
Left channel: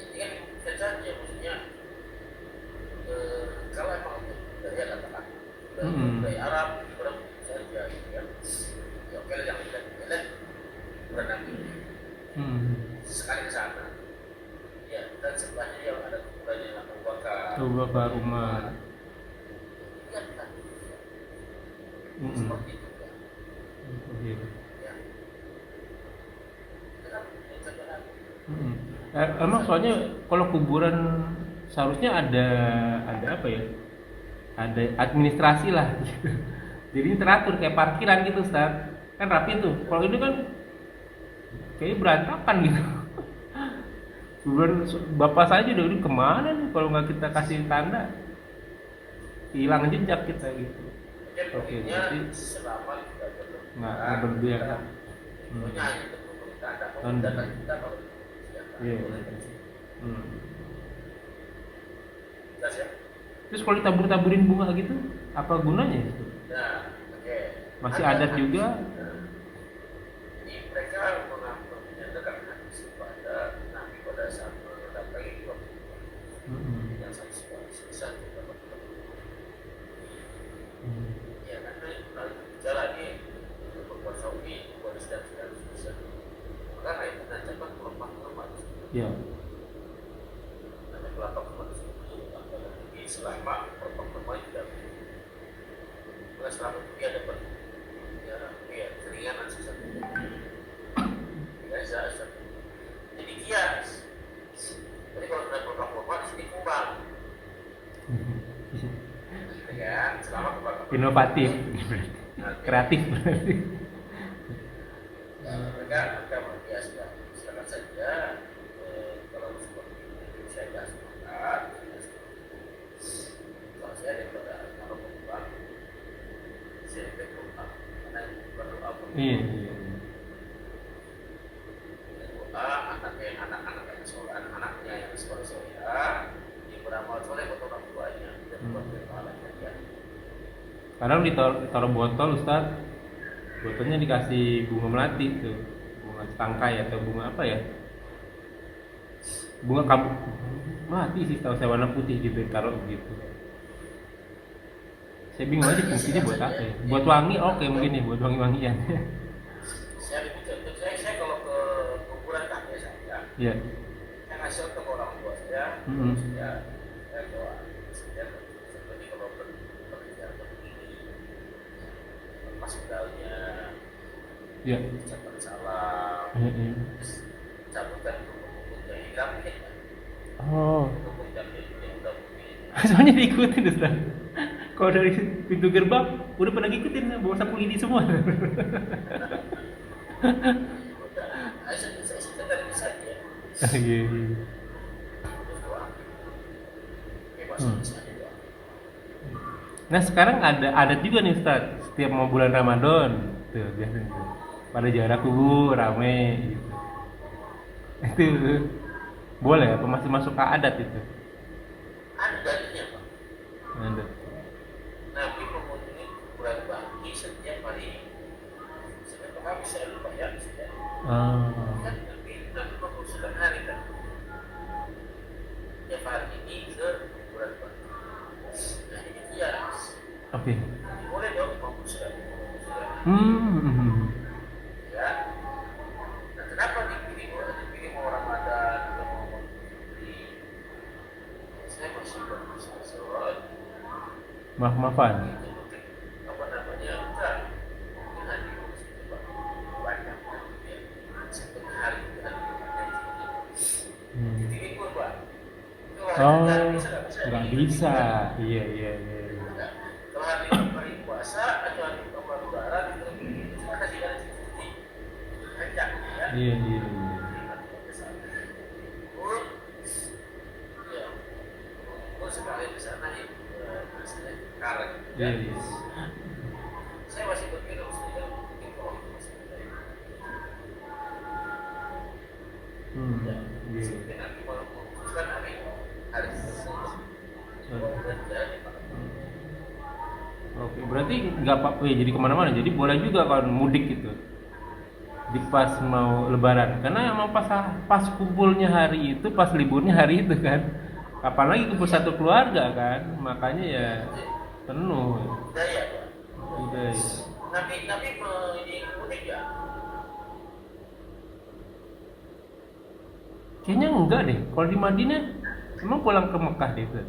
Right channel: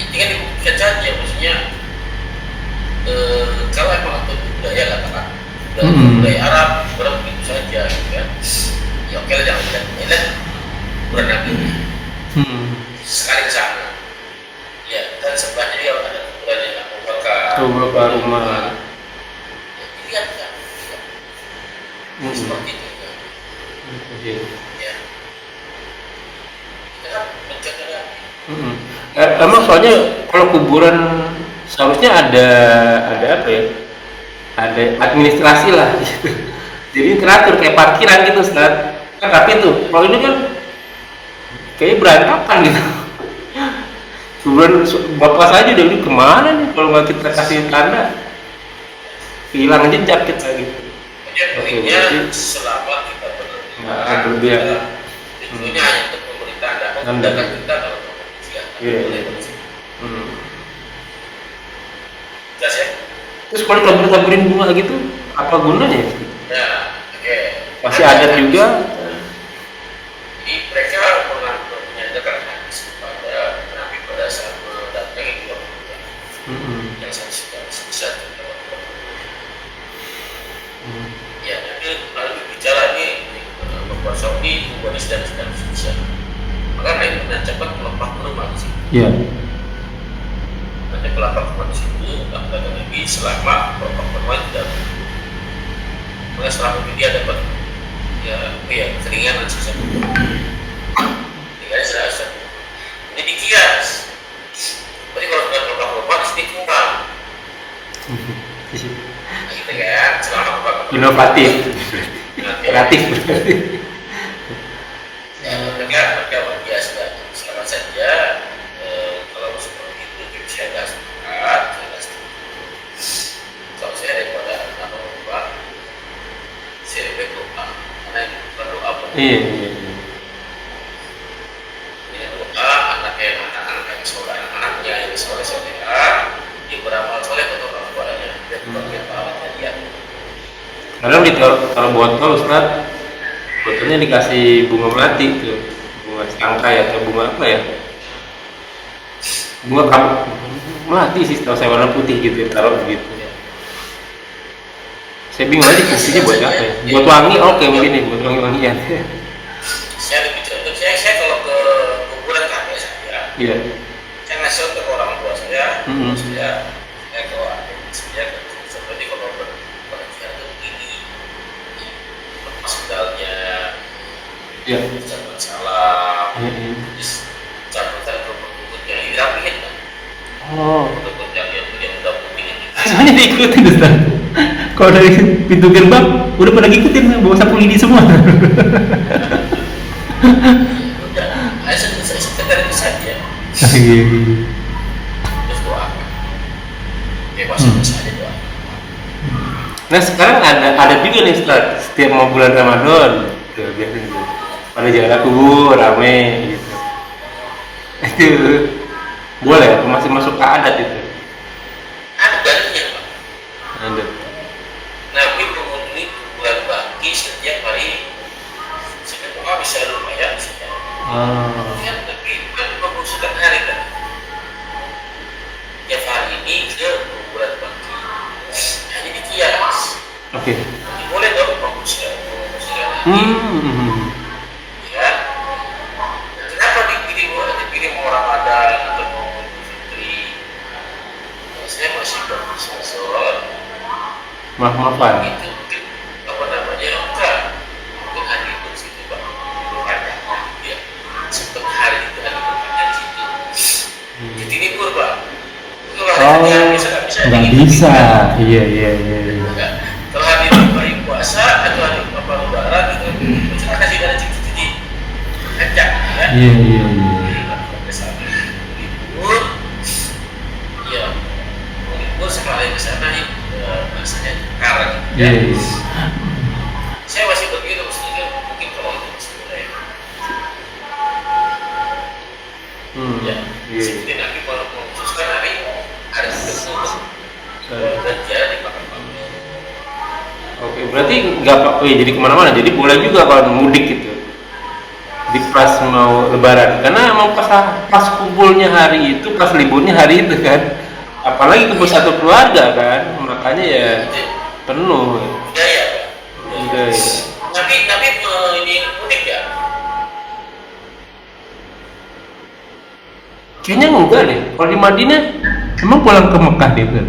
Ini kan dibuktikan saja, maksudnya kalau emang itu budaya katakan budaya Arab, berarti begitu saja, gitu kan? Ya oke lah, jangan lihat bulan Nabi sekali ke sana. Ya, dan sebelahnya dia ada kuburannya Abu Bakar. Abu Bakar, Umar. Ya, dilihat kan? Seperti itu kan? Iya. Ya. Kita kan menjaga Nabi. Emang soalnya kalau kuburan seharusnya ada apa ya? Ada administrasi lah gitu. Jadi teratur kayak parkiran gitu, Ustaz. Kan rapi tuh. Kalau ini kan kayaknya berantakan gitu. Kuburan bapak saja udah ini kemana nih kalau nggak kita kasih tanda? Hilang jejak kita gitu. Intinya selama kita berlebihan. Tujuannya hanya untuk memberi tanda, memudahkan kita kalau Iya. Jelas ya? Terus kalau tabur-taburin bunga gitu, apa gunanya? Ya, oke. Masih adat juga. Jadi mereka menyandarkan hadis kepada Nabi pada saat mendatangi dua pemuda yang satu ya, nanti lalu berbicara ini membuat Saudi, membuat dan seterusnya. Maka naik dengan cepat kelompok rumah di situ. Iya. Nanti kelompok rumah di situ akan Nabi selama kelompok rumah tidak. Maka selama itu dia dapat keringan dan sisa. Tinggalnya serasa. Ini dikias. Jadi kalau sudah kelompok rumah di sini kurang. Nah, gitu kan, selama kelompok Inovatif, kreatif. Ya, mereka biasa selamat saja. Kalau seperti itu saya nggak sepakat, kalau saya daripada nama berubah, saya lebih berubah karena ini perlu apa? Iya. Ini doa anak-anak yang soleh, anaknya yang soleh, dia beramal soleh untuk orang tuanya dan bagian pahalanya dia. Kadang ditaruh botol, Ustaz. Botolnya dikasih bunga melati tuh, bunga tangkai atau bunga apa ya? Bunga melati sih, tahu saya warna putih gitu, taruh begitu. Saya bingung aja fungsinya buat apa ya? Buat wangi, oke mungkin nih, buat wangi-wangian. Saya lebih contoh, saya kalau ke kuburan kakek saya, Iya. saya ngasih untuk orang tua saya, saya ke adik saya, seperti kalau berpergian ke begini, lepas pedalnya, Iya. ucapan salam, terus cabutan rumput-rumputnya dirapihin kan, Oh. rumput yang udah putih ini. Semuanya diikutin, Ustaz. Kalau dari pintu gerbang udah pada ngikutin bawa sapu lidi semua. Udah, saya sekedar itu saja, terus doakan, bebas aja doa. Nah sekarang ada juga nih Ustaz, setiap mau bulan Ramadan tuh biasanya tuh pada jalan kubur rame gitu. Itu boleh apa masih masuk ke adat itu? Ada dalilnya Pak. Ada. Nabi mengunjungi kuburan Baki setiap hari. Sebenarnya bisa lumayan sih ya. Kan Nabi kan mengusulkan hari kan. Tiap hari ini ke kuburan Baki. Hanya dikias. Oke. Jadi boleh dong mengusulkan hari. Ya. Nah, kenapa dikirim orang Ramadan atau mau Fitri? Saya masih berpikir Maaf-maafan. itu mungkin apa namanya enggak mungkin hari itu situ Pak berpanjang ya sempat hari itu hari berpanjang di situ jadi libur Pak kalau hari itu nggak bisa Iya. enggak kalau hari puasa atau hari lebaran itu bisa kasih dari cuci Iya, iya, iya. Ke sana libur, ya libur sekali ke sana bahasanya karat. Iya, iya. Saya masih begitu, mestinya mungkin kalau itu masih budaya. Ya, Iya. seperti nanti kalau mengkhususkan hari ada tertentu kerja di Palembang. Oke, berarti nggak apa-apa ya, jadi kemana-mana. Jadi boleh juga kalau mudik gitu. Di pas mau lebaran, karena mau pas kumpulnya hari itu, pas liburnya hari itu kan. Apalagi kumpul satu keluarga kan, makanya ya penuh. Budaya. Udah ya. Tapi ini unik ya. Kayaknya enggak deh. Kalau di Madinah emang pulang ke Mekah deh kan?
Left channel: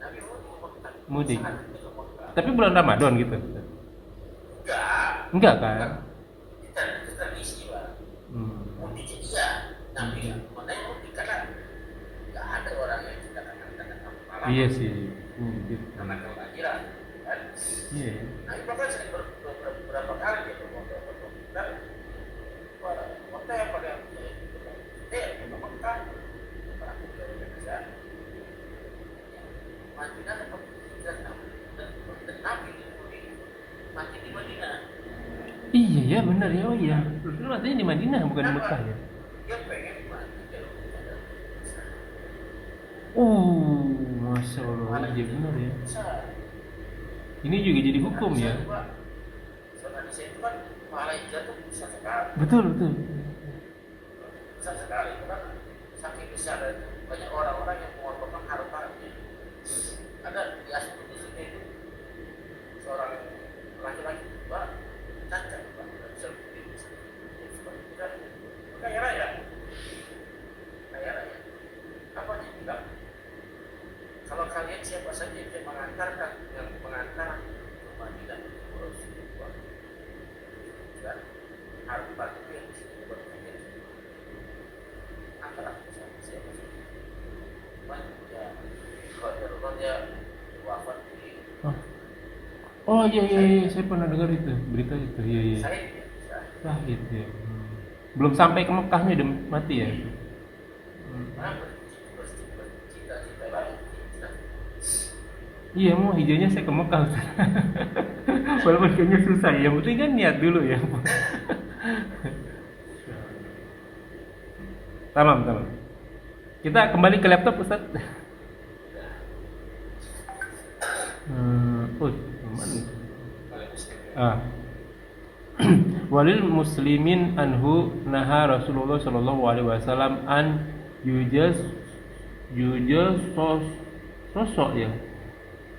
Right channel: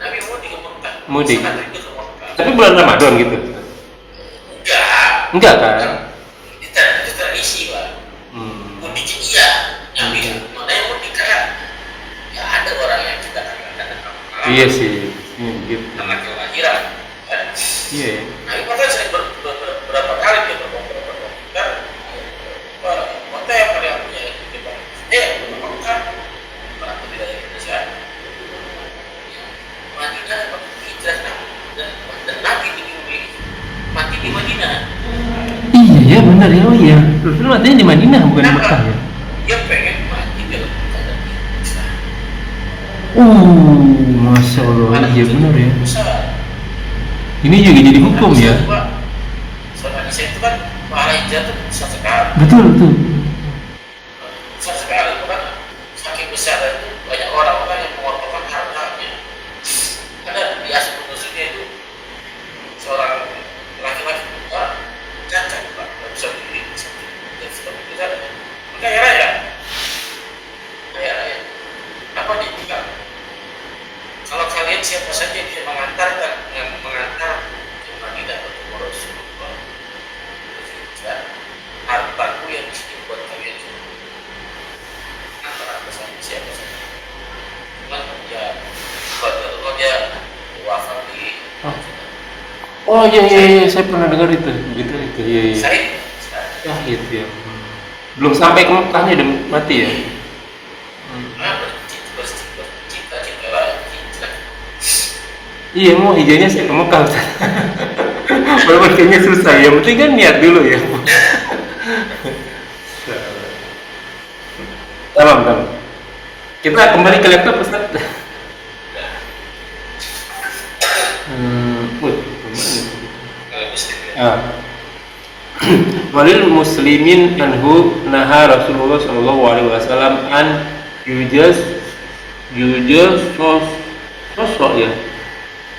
Nabi mudik ke Mekah. Mudik. Sangat itu ke Mekah. Tapi bulan Ramadan gitu. Enggak. Enggak kan? Itu tradisi lah. Mudik iya. Nabi mana yang mudik kayak ya ada orang yang kita kadang-kadang Iya sih. Iya gitu. anak kelahiran. Iya. Nabi bahkan sering berapa kali dia berkomentar kota yang pada punya kita Mekah orang tidak Indonesia Madinah hijrah dan Nabi dimiliki mati di Madinah. Iya ya benar ya, oh iya. Rasul matinya di Madinah bukan di Mekah ya. Dia pengen mati dalam keadaan Islam. Masya Allah, iya benar ya. Besar. Ini juga jadi hukum ya. Soal Indonesia itu kan pahala hijrah itu besar sekali. Betul betul. Besar sekali, bukan saking besar itu banyak orang-orang yang mengorbankan hartanya. Ada di asal penulisnya itu seorang laki-laki tua cacat pak, nggak bisa berdiri, dan seperti itu kan, kaya raya, apa dia bilang? Kalau kalian siapa saja bisa mengantar ke Madinah untuk Rasulullah, hartaku yang di sini buat kalian semua. Antara siapa saja. Cuman ya kalau dia wafat di Oh iya, saya pernah dengar itu. Gitu itu. Iya. Said. Ya gitu ya. Belum sampai ke Mekahnya udah mati ya. Bercita-cita lah. Iya, mau hijaunya saya ke Mekah. Ustaz. Walaupun kayaknya susah, yang penting kan niat dulu ya. Tamam. Kita kembali ke laptop Ustaz. Walil muslimin anhu naha Rasulullah sallallahu alaihi wasallam an yujas sosok ya,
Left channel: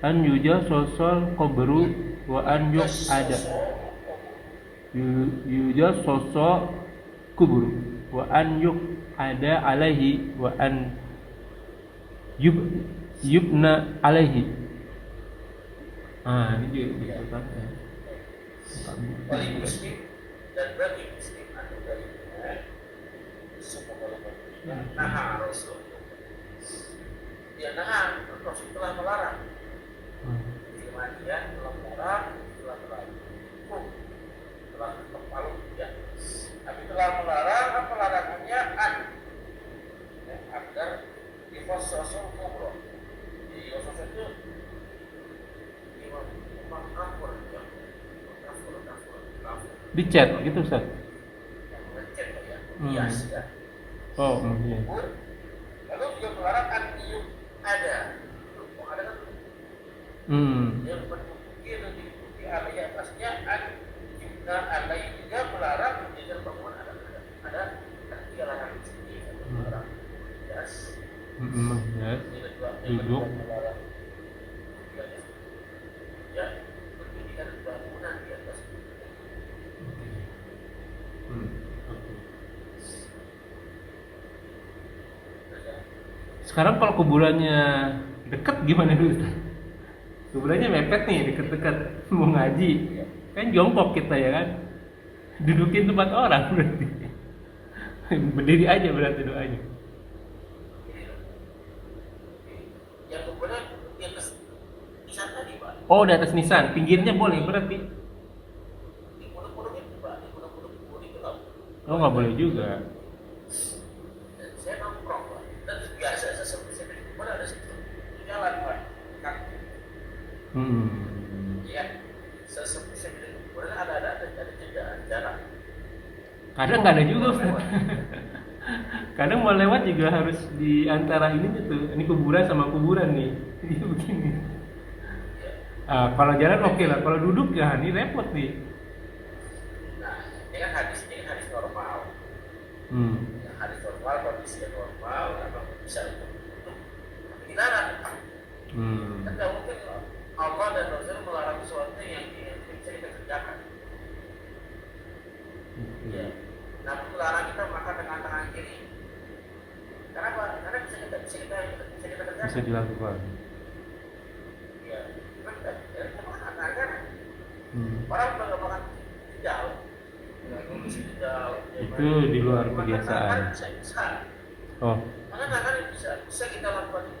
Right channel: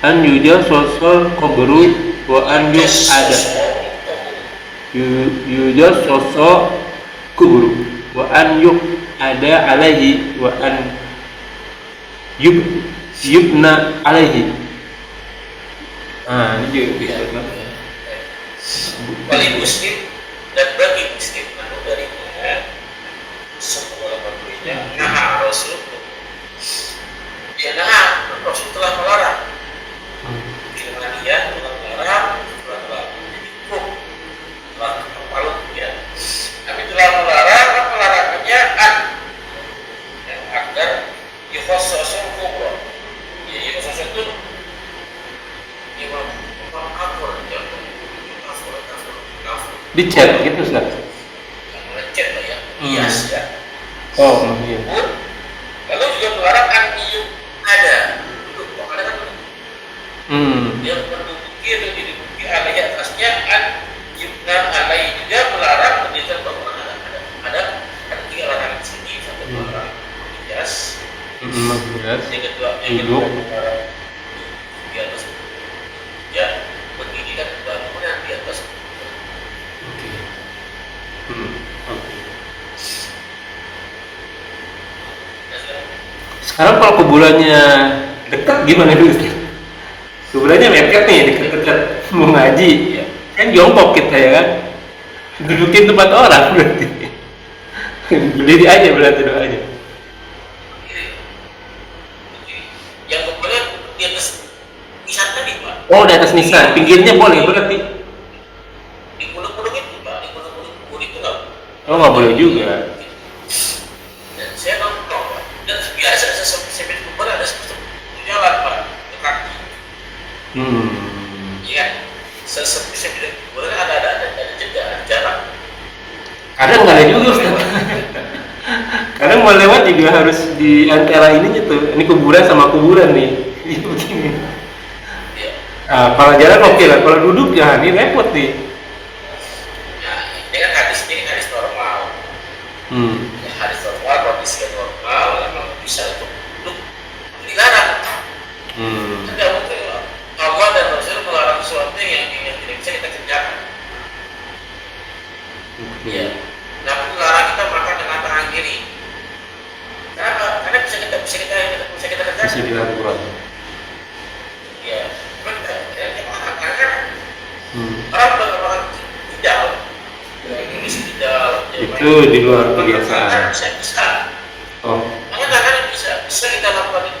an yujas sosok kubru wa an ada yujas sosok kubru wa an ada alaihi wa an yubna alaihi. Ini juga bisa banget. Bagi muslim dan bagi muslim anu darinya semua berikutnya nah Rasul telah melarang Firmania telah melarang telah hukum telah kepala ya tapi telah melarang apa larangannya yang agar yukhososul kubro ya yukhososul itu imam kafir ya kafir Dicat gitu Ustaz. lecet lah ya, hias ya. Oh iya. Lalu juga melarang aniyum ada. Kok ada kan? Dia menduduki atau diduduki alai atasnya yubna alai juga melarang menunjukkan bahwa ada tiga larangan di sini satu melarang hias. Yang kedua melarang di atas. Ya begini kan bangunan di atas. Sekarang kalau kuburannya dekat gimana dulu Ustaz? Kuburannya mepet nih, dekat-dekat mau ngaji, kan jongkok kita ya kan, dudukin tempat orang berarti, berdiri aja berarti doanya. Yang kuburan di atas nisan tadi pak. Oh di atas nisan, pinggirnya boleh berarti. Di gunung-gunung itu pak, di gunung-gunung kubur itu nggak. Oh nggak boleh juga. Dan saya nongkrong Pak. Dan biasa saya kubur ada satu jalan Pak ke kaki. Iya. Sesepi saya kubur ada jalan. Kadang nggak ada juga Ustaz. Kadang mau lewat juga harus di antara ininya tuh, ini kuburan sama kuburan nih. Iya begini. Iya. Kalau jalan oke lah, kalau duduk ya ini repot nih. Nah, ini kan hadis normal. Ya, hadis normal, kondisi yang normal, memang bisa untuk duduk dilarang. Tidak mungkin Allah dan Rasul melarang sesuatu yang tidak bisa kita kerjakan. Iya. Namun melarang kita makan dengan tangan kiri. Kenapa? Karena bisa kita kerjakan. Bisa dilakukan. Iya. Kita makan kan. Orang tidak. Ini tidak. Itu di luar kebiasaan. Bisa. Oh. Makanya kan bisa kita lakukan itu.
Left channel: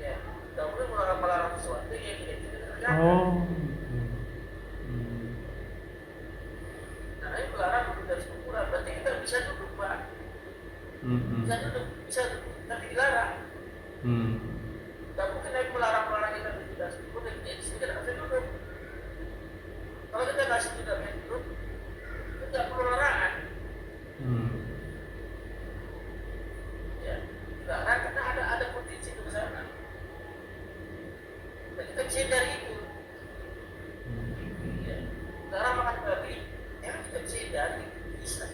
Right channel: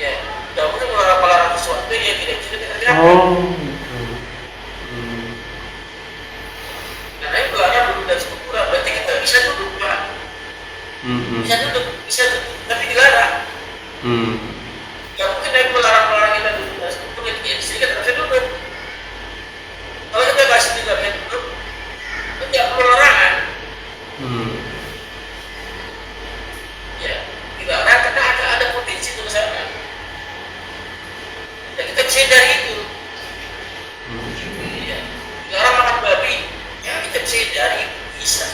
Ya. Tidak mungkin melarang sesuatu yang tidak bisa kita kerjakan. Oh. Gitu. Karena itu melarang duduk dan sempurna. Berarti kita bisa duduk Pak. Bisa duduk, tapi dilarang. Gak mungkin dia melarang kita duduk dan sempurna. Jadi kita tidak bisa duduk. Kalau kita kasih tidak bisa duduk, itu tidak perlu larangan. Ya, dilarang karena ada potensi itu ke sana. Dan kita bisa dari itu. Iya. Dilarang makan babi, ya kita bisa dari itu bisa.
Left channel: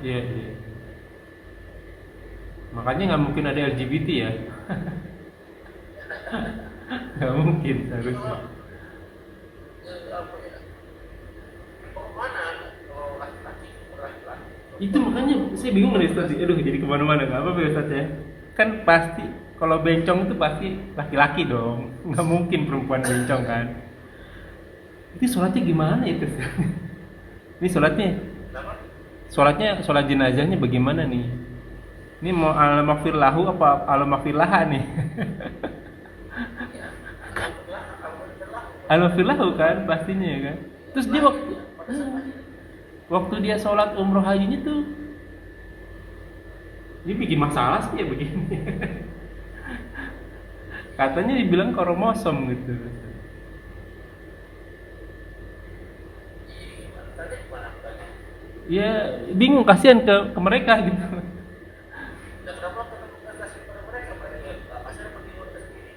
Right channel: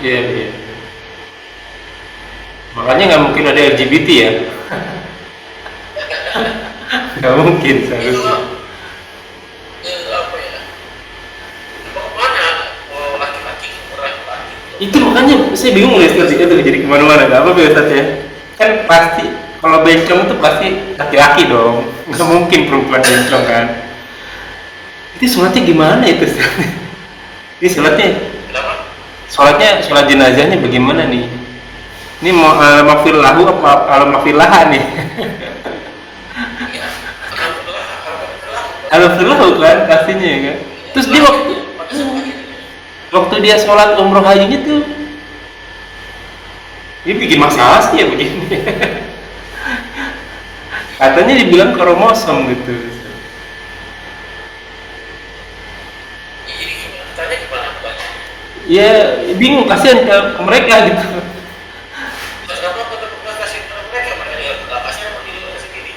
Ya. Iya. Makanya nggak mungkin ada LGBT ya. Nggak mungkin seharusnya. Apa ya? Kemana? Oh, laki-laki. Itu makanya saya bingung nih Ustaz, itu jadi kemana-mana. Nggak apa-apa ya Ustaz ya. Kan pasti kalau bencong itu pasti laki-laki dong. Nggak mungkin perempuan bencong kan. Itu sholatnya gimana itu Ustaz? Ini Kenapa? sholat jenazahnya bagaimana nih? Ini mau al-maghfir lahu apa al-maghfir laha nih? Ya, alhamdulillah. Al-maghfir lahu kan pastinya ya kan. Terus dia waktu dia sholat umroh hajinya tuh dia bikin masalah sih ya begini. Katanya dibilang kromosom gitu. Jadi tanya gimana Pak? Ya bingung, kasihan ke mereka gitu. Kenapa kita kasih ke mereka? Mereka kasih apa di luar sendiri?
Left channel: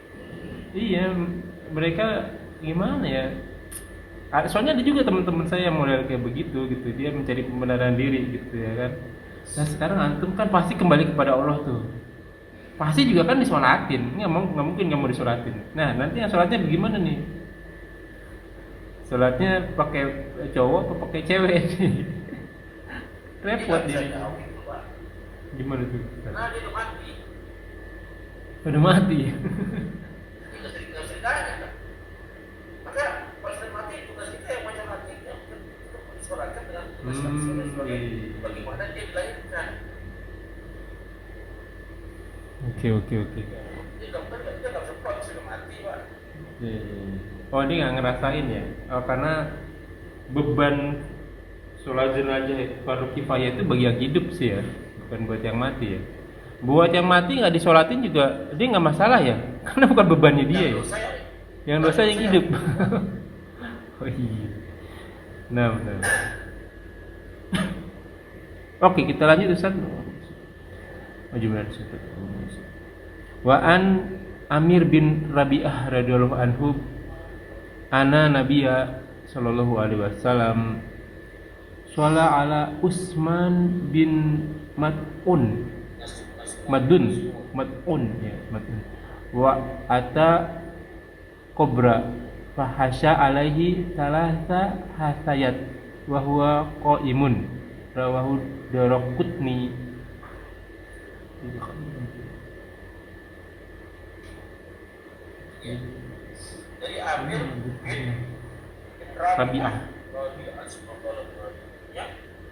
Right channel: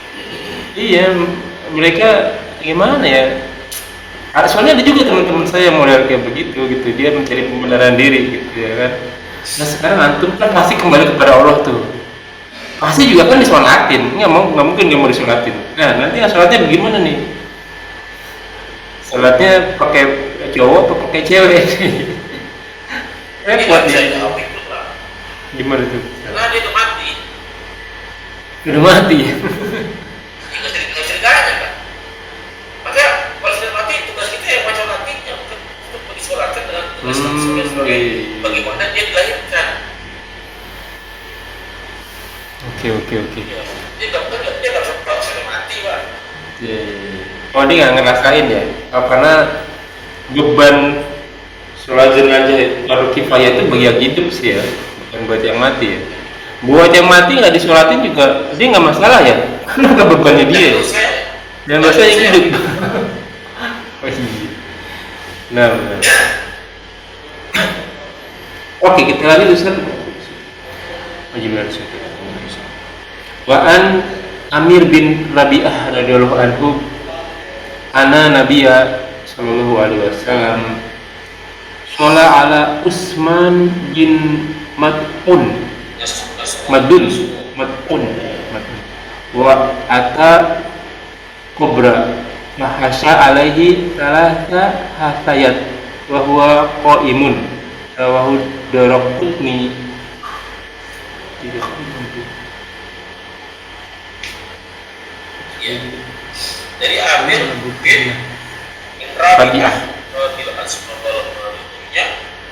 Iya, mereka gimana ya? Soalnya ada juga teman-teman saya model kayak begitu gitu, dia mencari pembenaran diri gitu ya kan. Nah sekarang antum kan pasti kembali kepada Allah tuh. Pasti juga kan disolatin, nggak mungkin nggak mau disolatin. Nah nanti sholatnya bagaimana nih? Sholatnya pakai cowok atau pakai cewek? Repot Bisa ya. jawab itu Pak. Gimana tuh? Karena dia udah mati. Udah mati. Nggak bisa ditanya Pak. Makanya kalau sudah mati tugas kita yang baca nantinya untuk disolatkan dengan tugas sebagai bagaimana dia dilahirkan. Oke. Dia nggak bisa mati Pak. Oh dia nggak ngerasain ya? Oh, karena beban sholat jenazah fardu kifayah itu bagi yang hidup sih ya, bukan buat yang mati ya. Buat yang mati nggak disolatin juga dia nggak masalah ya, karena bukan bebannya dia. Yang dosa yang hidup. Oh iya. Nah. Oke, kita lanjut Ustaz. Gimana Ustaz? Wa an Amir bin Rabi'ah radhiyallahu anhu ana Nabiyya sallallahu alaihi wasallam sholat ala Utsman bin Mad'un wa ata Kubra fahasya alaihi salasa hasayat wa huwa qaimun rawahu Daraqutni. Ya. Dari Amir bin Rabi'ah radhiyallahu anhu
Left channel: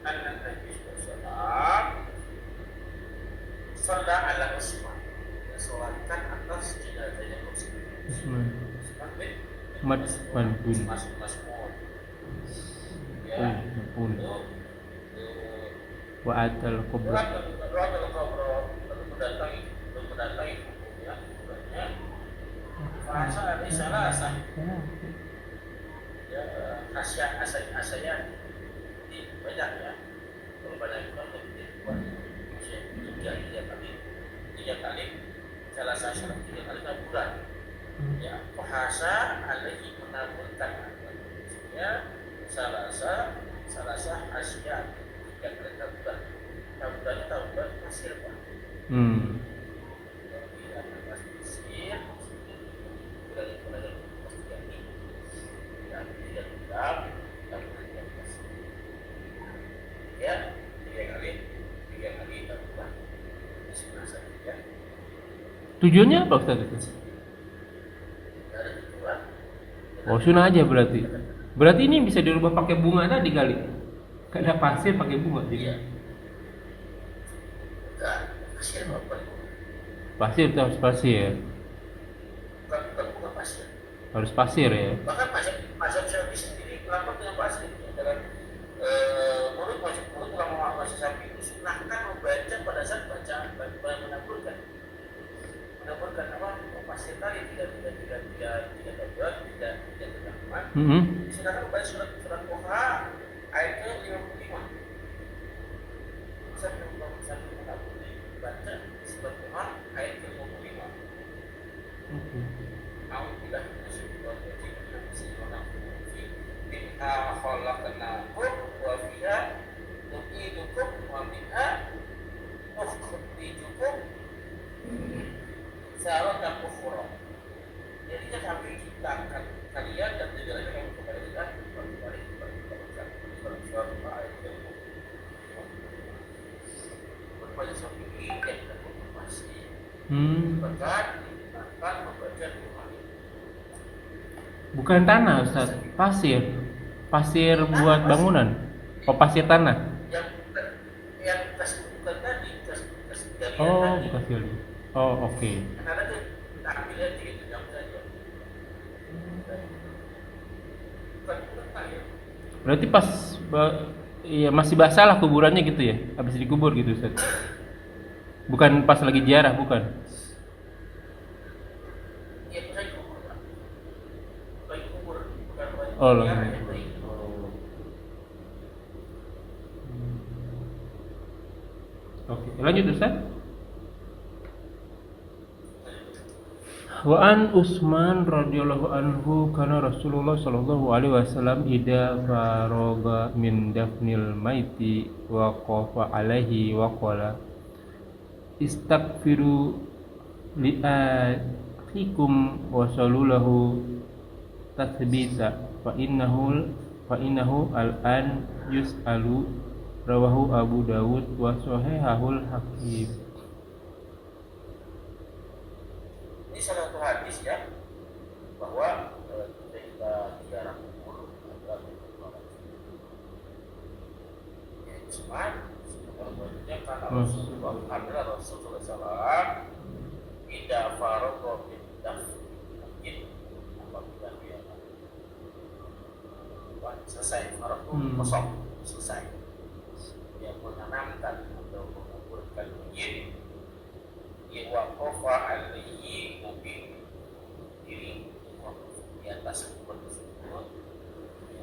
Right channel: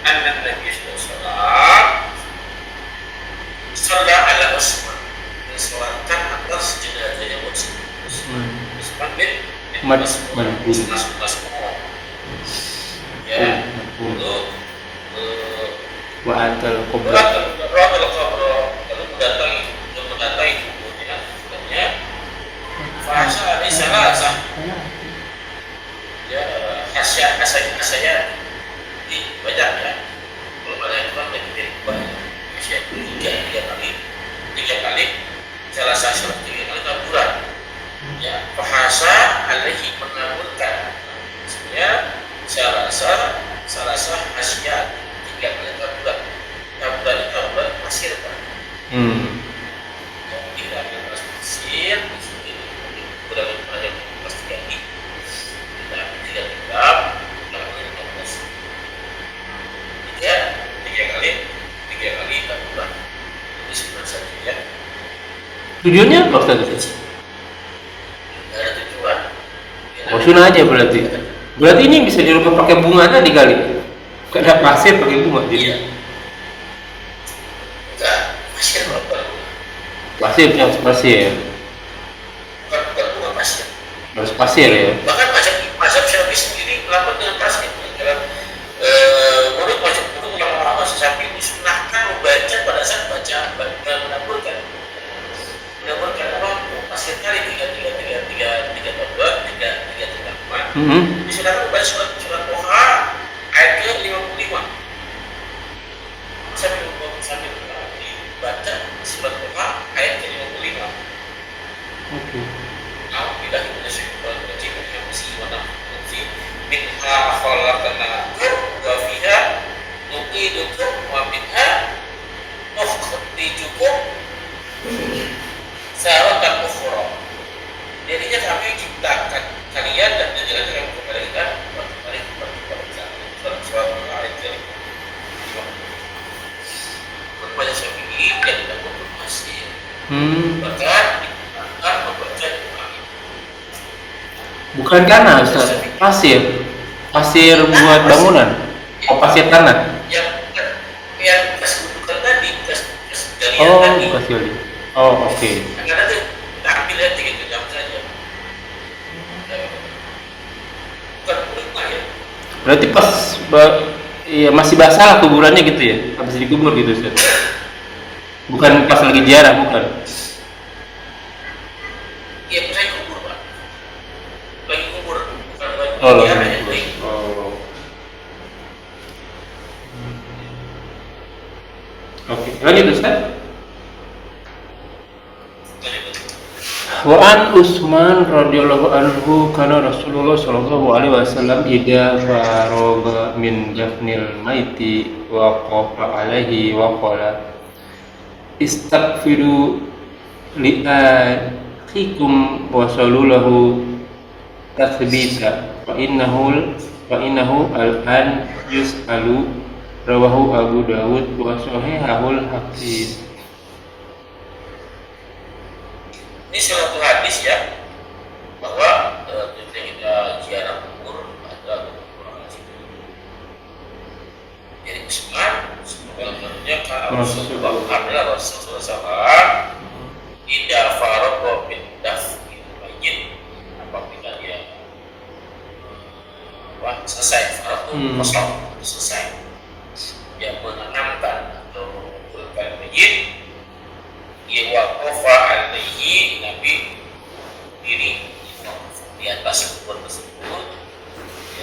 anna Nabi sallallahu sholat ala Utsman, disolatkan atas jenazahnya Utsman bin Mas'ud. kubur. Lalu mendatangi kuburnya, katanya fasa ini salah sah. Ya hasya dibaca ya. Kalau banyak itu kan lebih dari banyak. Hasya tiga kali. Salah satu 3 kali taburan. Ya, bahasa alaihi menaburkan. Sebenarnya salah sah hasya 3 kali taburan. Taburan pasir kan. Yang 3 kali pasir, di sini kurang lebih pasti jadi. Tidak genggam, tidak pasir. Tiga kali taburan. Jadi sebenarnya saja ya. Tujuannya apa Ustaz? Tidak ada tujuan. Oh, sunnah aja berarti. Berarti ini bisa dirubah pakai bunga tadi kali. Gak ada pasir pakai bunga jadi. Iya. Enggak, pasir apa? Pasir yang pasir. Bukan bunga pasir. Harus pasir ya. Bahkan mazhab Syafi'i sendiri melakukan dengan pasir. Menurut ulama Syafi'i disunahkan membaca pada saat menaburkan apa? Pasir kali tiga taburan, tiga teman. Disunahkan membaca surat Toha ayat ke 55. Sambil dibaca surat Toha ayat ke 55. Oke. Alhamdulillah kita syukur wajib yang mesti wanafsi minha khalaqnakum wa fiha nu'idukum wa minha nukhrijukum taratan ukhra. Jadinya kami ciptakan kalian dan menjadikan kamu kembalikan kembali kepada surat ayat ke 55. Berbaca Syafi'i dan tidak bermasih. Bahkan digunakan membaca Bukan tanah Ustaz, pasir buat bangunan. Oh, pasir tanah. yang bekas gundukan tadi, bekas galian Oh, tadi. pasir. Oh, oke. Yang ada tuh kita ambil aja gitu jam saja. Bukan rumah ya. Berarti ya masih basah lah kuburannya gitu ya. Habis dikubur gitu Ustaz. Bukan pas lagi ziarah, bukan. Iya, saya kubur Pak. Lagi kubur, bukan lagi Oh, lagi ziarah ya. kubur. Oh. Oke, lanjut Ustaz. Wa an Utsman radhiyallahu anhu kana Rasulullah sallallahu alaihi wasallam idza faragha min dafnil maiti wa qafa alaihi wa qala istaghfiru li akhikum wa sallallahu tathbita fa innahu al-an yus'alu rawahu Abu Dawud wa sahihahul Hakim. Ini suatu hadis ya bahwa ketika kita ziarah kubur ada kekurangan situ. Jadi Utsman sebenarnya kalau adalah Rasulullah SAW tidak faragha min dafnil mayyit apabila dia selesai faragha kosong selesai dia menanamkan atau mengumpulkan mayyit dia waqafa alaihi Nabi diri di atas kubur tersebut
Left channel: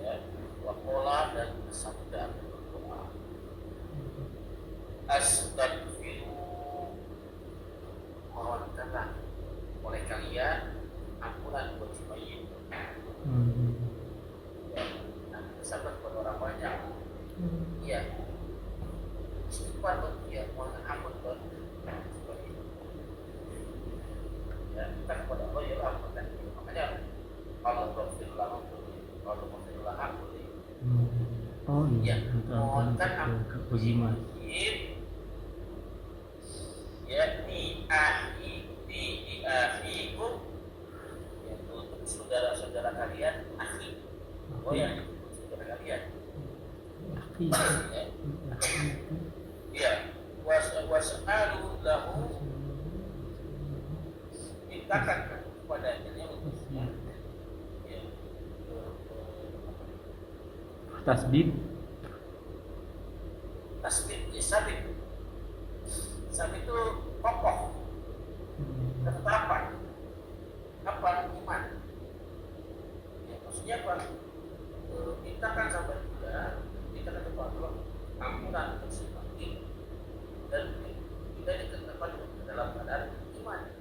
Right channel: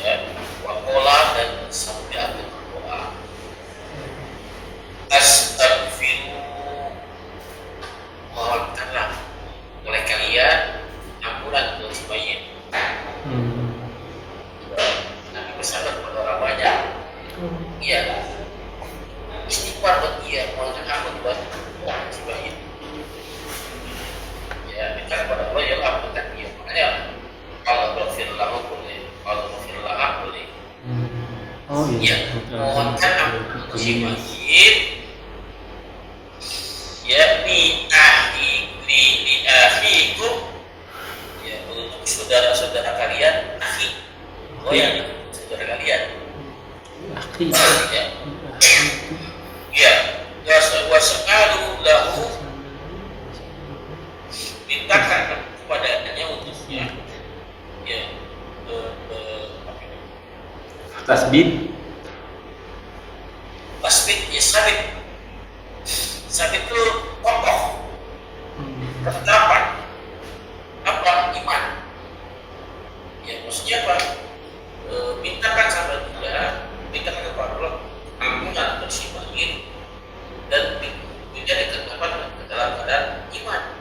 ya waqala dan sampai akhir berdoa astaghfiru mohonkanlah oleh kalian ampunan untuk si mayit. Nabi bersabda kepada orang banyak iya istighfar buat dia mohonkan ampun buat si mayit. Ya, minta kepada Allah ya ampunkan dia. Makanya Allah berfirman boleh, Allah berfirman boleh. Oh iya. Ya, mohonkan ampun si mayit. Ya li akhikum. Ya untuk saudara-saudara kalian, akhi. Oh ya, saudara kalian. Akhi. Ya. Ya, wasa'alu lahu mintakan kepadanya untuknya ya Tasbih. tasbih ya sabit saat itu kokoh, ketetapan, apa iman. Ya maksudnya apa? Mintakan sama dia, mintakan kepada Allah ampunan bersih dan tidak dikatakan dalam keadaan iman.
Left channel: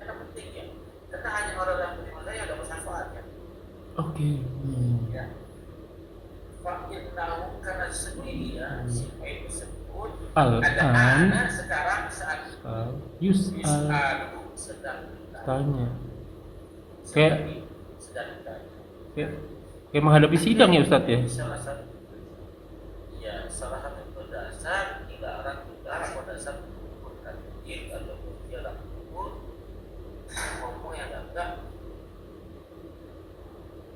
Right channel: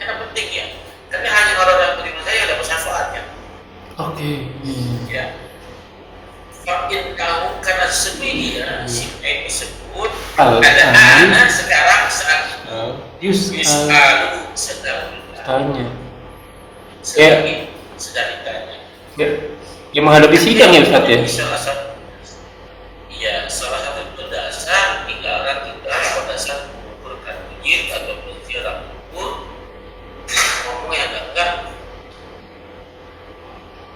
Karena penting ya, karena hanya orang yang beriman saya ada syafaatnya. Oke. Ya. Fakin tahu karena sebenarnya si tersebut ada anak sekarang saat Yus'alu sedang tanya. sedang ditanya. Ya menghadapi sidang ya Ustaz ya. Salah satu dasar tinggalan kita pada saat mengumpulkan bujit atau berziarah kubur ngomong yang enggak.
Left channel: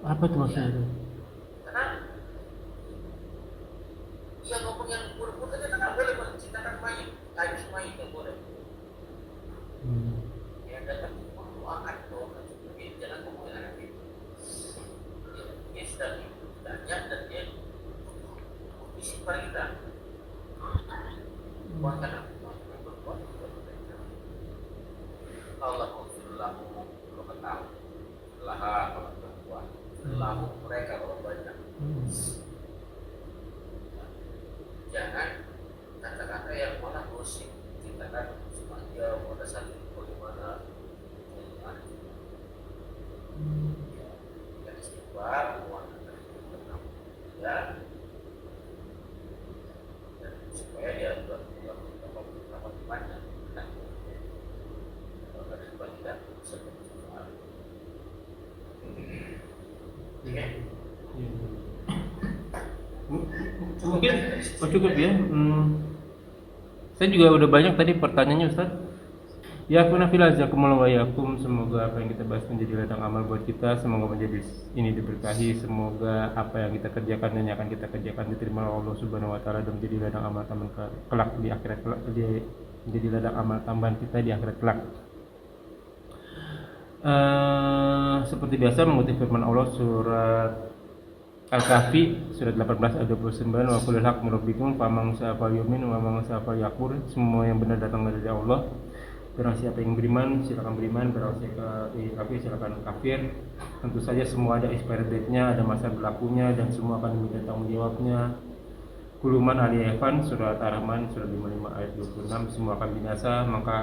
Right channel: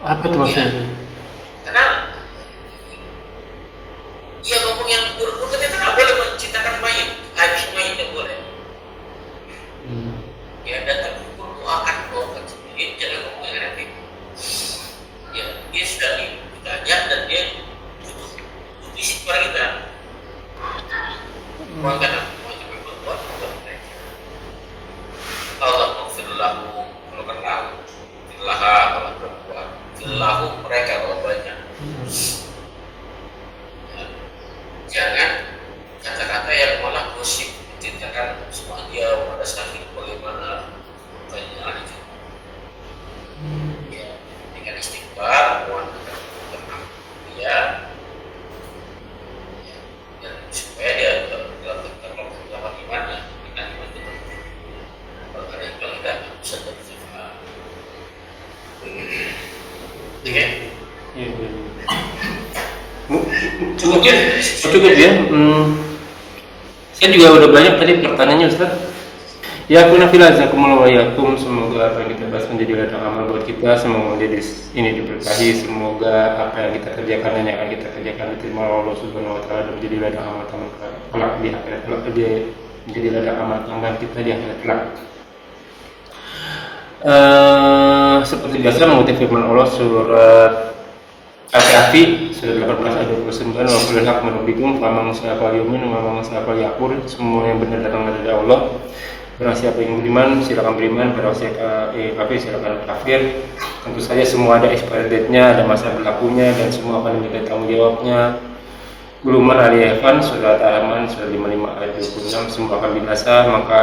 Apa tuh maksudnya? Karena ya ngomong yang buruk ternyata nggak boleh menciptakan mayat, habis mayat tidak boleh. Ya datang kubur doakan sendiri, jangan ngomong yang negatif. Ya dia sudah ditanya dan dia butuh isi kepada kita. Bukan jangan berbuat mereka. Allah maghfirlahu kalau kenal, firlaha kalau berbuat, firlahu mereka kalau banyak. Jangan kata-kata yang malah gosip menceritakan semua dia pada saat itu bagaimana pertanyaan itu. Ya, dengan istighfar, mohon tenang dia, dan supaya dia dalam terlalu imannya, iman itu. Kalau ada yang tidak bisa bersifat. Oke. Cukup ya. Saya juga udah banyak tadi pertanyaannya Ustaz. Ya aku nafilazakumullah wa yakum, semoga apa yang kita bahas menjadi ladang amal buat kita, semoga menjadi ini diberkahi, semoga apa yang kita kerjakan dan yang akan kita kerjakan diterima oleh Allah Subhanahu wa taala dan menjadi ladang amal kelak di akhirat kelak, menjadi ladang amal tambahan kita di akhirat kelak. Seperti biasa mengutip firman Allah surat Al-Kahfi surat 18 ayat 29, wa qul haq minrabbikum faman syaa'a yu'min wa man syaa'a yakfur. Semua yang benar datang dari Allah. Barang siapa yang beriman silakan beriman, barang siapa kafir silakan kafir. Tentu saja semua ada expiry date-nya, ada masa berlakunya dan semua akan diminta tanggung jawabnya. Quluman aliyafan surat Al-Rahman surat 55 ayat 26, semua akan binasa. Maka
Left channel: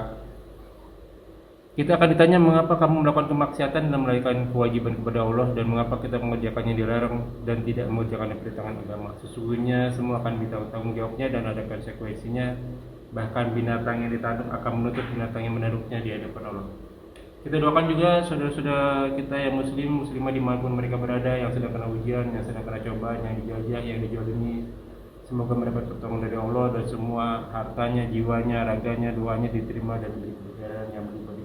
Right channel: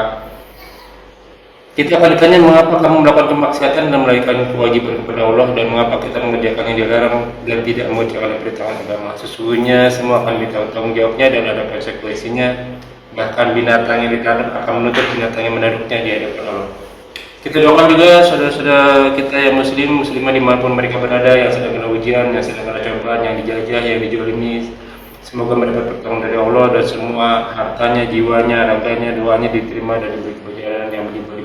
kita akan ditanya mengapa kamu melakukan kemaksiatan dan melarikan kewajiban kepada Allah, dan mengapa kita mengerjakan yang dilarang dan tidak mengerjakan perintah agama. Sesungguhnya semua akan ditanggung jawabnya dan ada konsekuensinya. Bahkan binatang yang ditanduk akan menuntut binatang yang menanduknya di hadapan Allah. Kita doakan juga saudara-saudara kita yang muslimah dimanapun mereka berada, yang sedang kena ujian, yang sedang kena cobaan, yang dijajah, yang dijolimi. Semoga mendapat pertolongan dari Allah dan semua hartanya, jiwanya, raganya, doanya diterima dan diberi kebahagiaan yang berlimpah.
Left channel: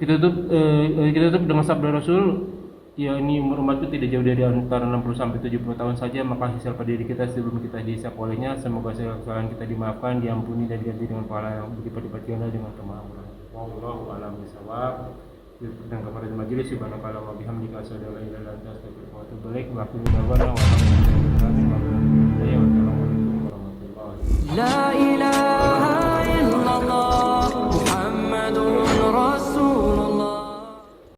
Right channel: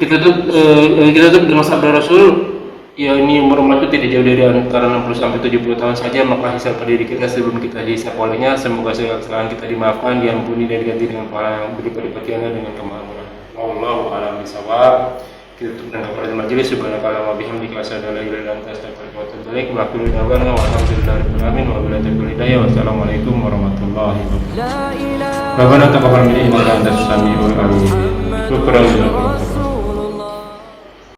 Kita tutup dengan sabda Rasul, ya ini umur umat itu tidak jauh dari antara 60 sampai 70 tahun saja, maka hisab pada diri kita sebelum kita dihisab olehnya. Semoga segala kesalahan kita dimaafkan, diampuni dan diganti dengan pahala yang berlipat-lipat ganda dengan kemakmuran. Wallahu a'lam bishawab. Kita tutup dengan kafarat majelis. Subhanakallahumma wa bihamdika asyhadu an la ilaha illa anta astaghfiruka wa atubu ilaik. Wa akhiru da'wana wa alhamdulillahi rabbil alamin wa billahi taufiq hidayah. Wassalamualaikum warahmatullahi wabarakatuh. Rabbana taqabbal minna innaka antas samiul alim.